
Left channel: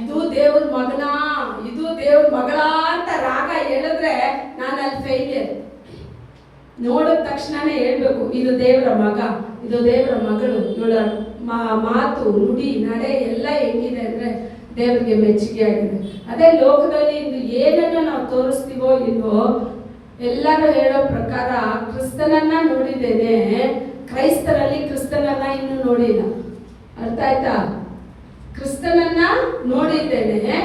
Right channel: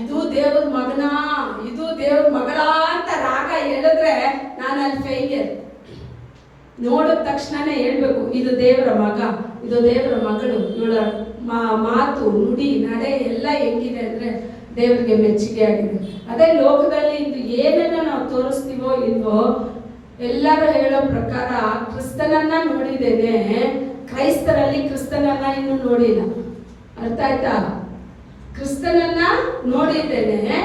ಇದು ದೇವ್ರ ಮಗನ, ಇದು ದೇವ್ರ ಮಗಳ ಅಂತ ರಾಗ ಹೇಳಿದ್ರೆ ನಾನು ಅಲ್ಲಿ ಫೇಲಿಯರ್. ನೋಡಿದ ತಕ್ಷಣನೇ ಹೇಳ್ಬೇಕು, ಇದು ದೇವರ ಮಗ, ಇದು ದೇವರ ಮಗಳು, ಇವಳ ಮಾತು ನುಡಿ ನಡೆ ಎಲ್ಲ ಹೆಂಗಿದೆ ಅಂದ್ರೆ ದೇವರಿಗೆ ಮೆಚ್ಚುಗೆ ಆಗಿದೆ. ಅದೇ ಲೋಕದಲ್ಲಿ ಇದು ಏನನ್ನ ನಾವು ತೋರಿಸ್ತೀವೋ ಇಲ್ವೋ, ಎಲ್ಲರೂ ಹೇಳೋ ಪ್ರಕಾರ ಕ್ರಿಸ್ತನನ್ನ ನೋಡಿದ್ದೇನೆ, ಕ್ರೈಸ್ತರಲ್ಲಿ ಕ್ರಿಸ್ತನನ್ನ ಇನ್ನೂ ನೋಡಿಲ್ಲ. ಅರ್ಥ ಆಯ್ತಾ? ಕ್ರಿಸ್ತನನ್ನ ನೋಡಿದ್ದೇನೆ,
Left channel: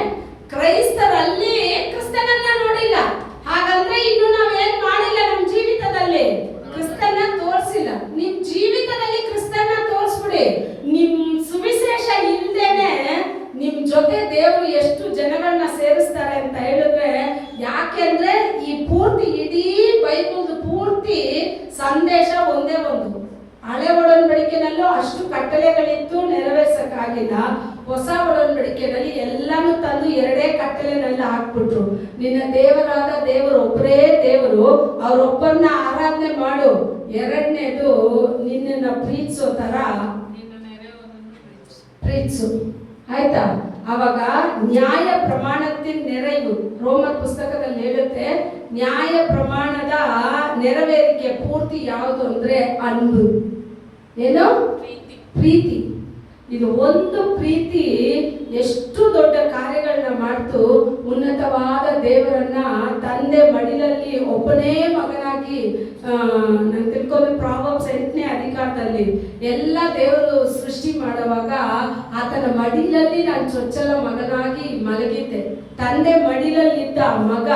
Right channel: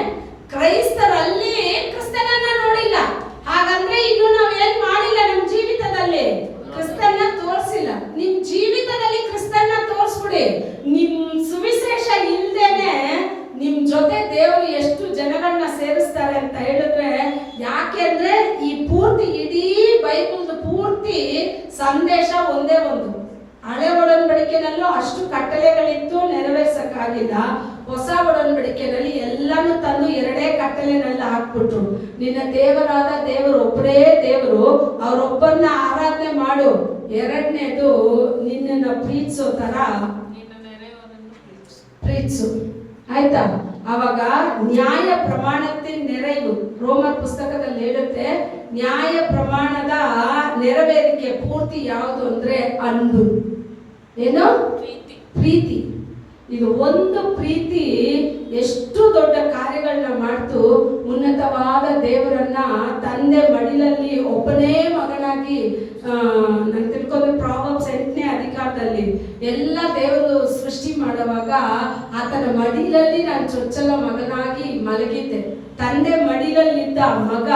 ಕ್ರೈಸ್ತರಲ್ಲಿ ಕ್ರಿಸ್ತನನ್ನ ನೋಡಿಲ್ಲ. ಹಾಗಂದ್ರೆ ಇನ್ನು ನಾವೇನ್ ಮಾಡಿಲ್ಲ ನಮ್ಮ ಜೀವಿತದಲ್ಲಿ, ಕ್ರಿಸ್ತನ್ನ ತೋರಿಸಿಲ್ಲ. ನಿಮ್ ಜೀವಿತದಲ್ಲಿ ಕ್ರಿಸ್ತನ್ನ ತೋರಿಸ್ಬಿಡಿ. ನಿಮ್ ಸುವಿಶೇಷ ಇಲ್ದೇನೆ ನಿಮ್ ಜೊತೆ ದೇವರು ಎಷ್ಟು ಜನಗಳನ್ನ ಸೇರಿಸ್ತಾರೆ ಅಂತ ಹೇಳಿದ್ರೆ, ಯಾಕೆ ಅಂದ್ರೆ ಈ ಪೂರ್ತಿ ಇಡೀ ಬೈಬಲ್ ಪೂರ್ತಿ ಸಂದೇಶ ಒಂದೇ ಒಂದು. ಹಳೆ ಒಡಂಬಡಿಕೆನಲ್ಲೂ ಅಷ್ಟು ಕಟ್ಟಳೆಗಳಿತ್ತು, ನೆರವೇರ್ಸಕ್ಕಾಗಿಲ್ಲ. ಹೊಸ ಒಡಂಬಡಿಕೆಯಲ್ಲಿ ಎಲ್ಲಾನು ತಂದು ಎರಡೇ ಕಟ್ಟಲೆನಲ್ಲಿ ಹಾಕ್ಬಿಟ್ರು. ನಿನ್ನ ದೇವರಾದ ದೇವರು ಒಬ್ಬರೇ ದೇವರು, ಅವರೊಬ್ಬರನ್ನ ಆರಾಧನೆ ಮಾಡು. ಎರಡನೇದು ನಿನ್ನನ್ನ ಪ್ರೀತಿಸೋ ತರ ಪ್ರೀತಿಸು. ಆಯ್ತಾ? ಅವಾಗ ನ್ಯಾಯ ಪ್ರಮಾಣத்தின் நிறைவு, ರೋಮರ್ ಪುಸ್ತಕದಲ್ಲಿ ಹೇಳುತ್ತೆ, ನ್ಯಾಯ ಪ್ರಮಾಣದ ನೆರವೇರಿಕೆ ಪೂರ್ತಿ ಯಾವುದು ಅಂದ್ರೆ ಅನ್ಬು. ಏನು? ಪ್ರೀತಿ. ಇದು ಒಂದು ಪ್ರೀತಿ ಎಷ್ಟು ದೊಡ್ಡ ಕಾರ್ಯಗಳನ್ನ ಮಾಡ್ತು. ಉನ್ನತವಾದ ದೇವರನ್ನ ತಂದೆ ಮಡಿಲಲ್ಲಿ ಒಬ್ಬನೇ ಮಗನಾಗಿ, ನಾನು ತಿಳ್ಕೊಂಡು ಪ್ರಾವರ್ಬ್ಸ್ 8ನೇ ಅಧಿಕಾರದಲ್ಲಿ ಎಲ್ಲ ದೇವರು ಸೃಷ್ಟಿ ಮಾಡುವಾಗ ಆತನ ಮಡಿಲಲ್ಲಿ ನಾನು ಚೊಚ್ಚಲ ಮಗನಾಗಿ ಮಲಗಿದ್ದೆ. ತಂದೆ ಮಡಿಲಲ್ಲಿದ್ದ ಮಗ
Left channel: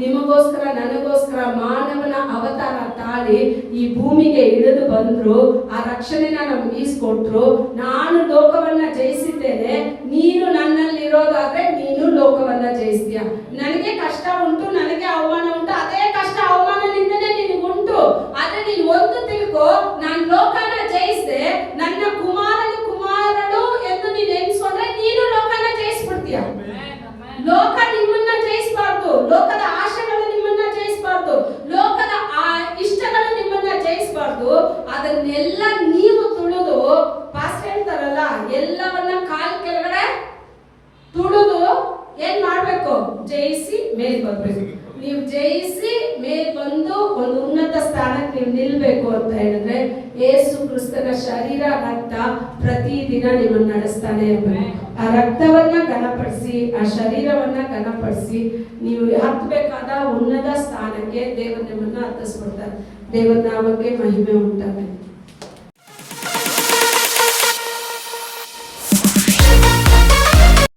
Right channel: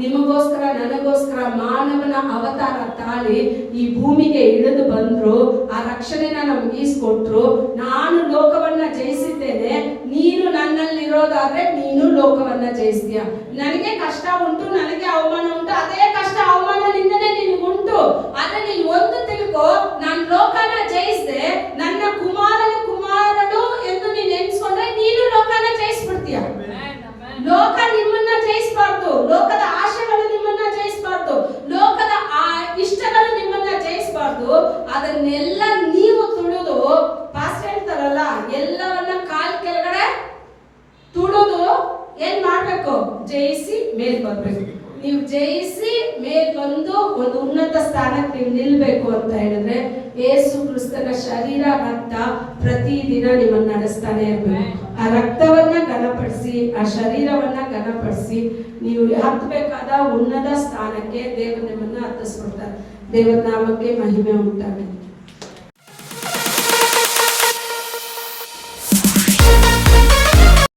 ನಿಮಗೋಸ್ಕರ ನನಗೋಸ್ಕರ ಮಾನವನ ಅವತಾರ ತಾಳಿ ಈ ಭೂಮಿಗೆ ಇಳಿದು ಬಂದ್ರು. ಆ ರಕ್ಷಣೆನ ನಮ್ಗೆ ಈಸ್ಕೊಟ್ರು. ನಾನು ಲೋಕವನ್ನ ಜಯಿಸಿದ್ದೇನೆ, ನೀನು ನನ್ನಲ್ಲಿರೋದಾದ್ರೆ ನೀನು ಲೋಕವನ್ನ ಜಯಿಸ್ತೀಯ. ನನಗೆ ಕಷ್ಟ ಉಂಟು, ನನಗೆ ಅವಮಾನ ಉಂಟು, ಅದೇ ಕಷ್ಟ ಅವಮಾನದಿಂದನೇ ನಿನಗುಂಟು. ಆದ್ರೆ ನೀನು ಒಂದು ತಿಳ್ಕೊ, ನಾನು ಲೋಕನ ಜಯಿಸಿದೆ, ನನ್ನ ಕುಮಾರನು ಎಂದು ನೀನು ಎನ್ಸ್ಕೊಂಡ್ರೆ ನೀನು ಲೋಕನ ಜಯಿಸ್ಬಿಡ್ತೀಯ. ಲೋಕ ನಿಮ್ಮನ್ನ ಜಯಿಸಬಾರ್ದು, ಲೋಕದ ಆಶೆಗಳು ನಿಮ್ಮನ್ನ ಜಯಿಸಬಾರ್ದು, ಲೋಕದ ಇಷ್ಟಗಳು ನಿಮ್ಮನ್ನ ಜಯಿಸಬಾರ್ದು. ಅದನ್ನೆಲ್ಲ ನೀವು ತುಳಿದು, ಪಾಸ್ಟ್ ಹೇಳ್ತಾರಲ್ಲ, ಎಲ್ಲವನ್ನ ಕಾಲ್ ಕೆಳಗಡೆ ತುಳಿದು ಏನ್ ಮಾಡ್ಬೇಕು? ಜಯಿಸಿ ಮೇಲ್ ಬರ್ಬೇಕು. ನೀವು ಜಯಿಸಿ ಮೇಲ್ ಬಂದು ಒಂದು ಉನ್ನತ ಸ್ಥಾನಕ್ಕೆ ನೀವು ನಿಲ್ಬೇಕು ಅಂತ ಹೇಳಿದ್ರೆ ಯೇಸು ಕ್ರಿಸ್ತನ ಶರೀರ ರಕ್ತ ಪ್ರತಿದಿನ ನಿಮ್ಮನ್ನು ನಡೆಸ್ತಾನೆ ಇರಬೇಕು. ಆ ರಕ್ತವನ್ನ ಘನಪಡಿಸಿ, ಆ ಶರೀರವನ್ನ ಘನಪಡಿಸಿ ನೀವು ಹತ್ತಬೇಕಾದ ಉನ್ನತ ಸ್ಥಾನಕ್ಕೆ ದೇವರು ನಿಮ್ಮನ್ನ ಹತ್ತಿಸ್ಕೊಡ್ತಾರೆ. ದೇವರ ನಾಮಕ್ಕೆ ಮಹಿಮೆ ಉಂಟಾಗಲಿ.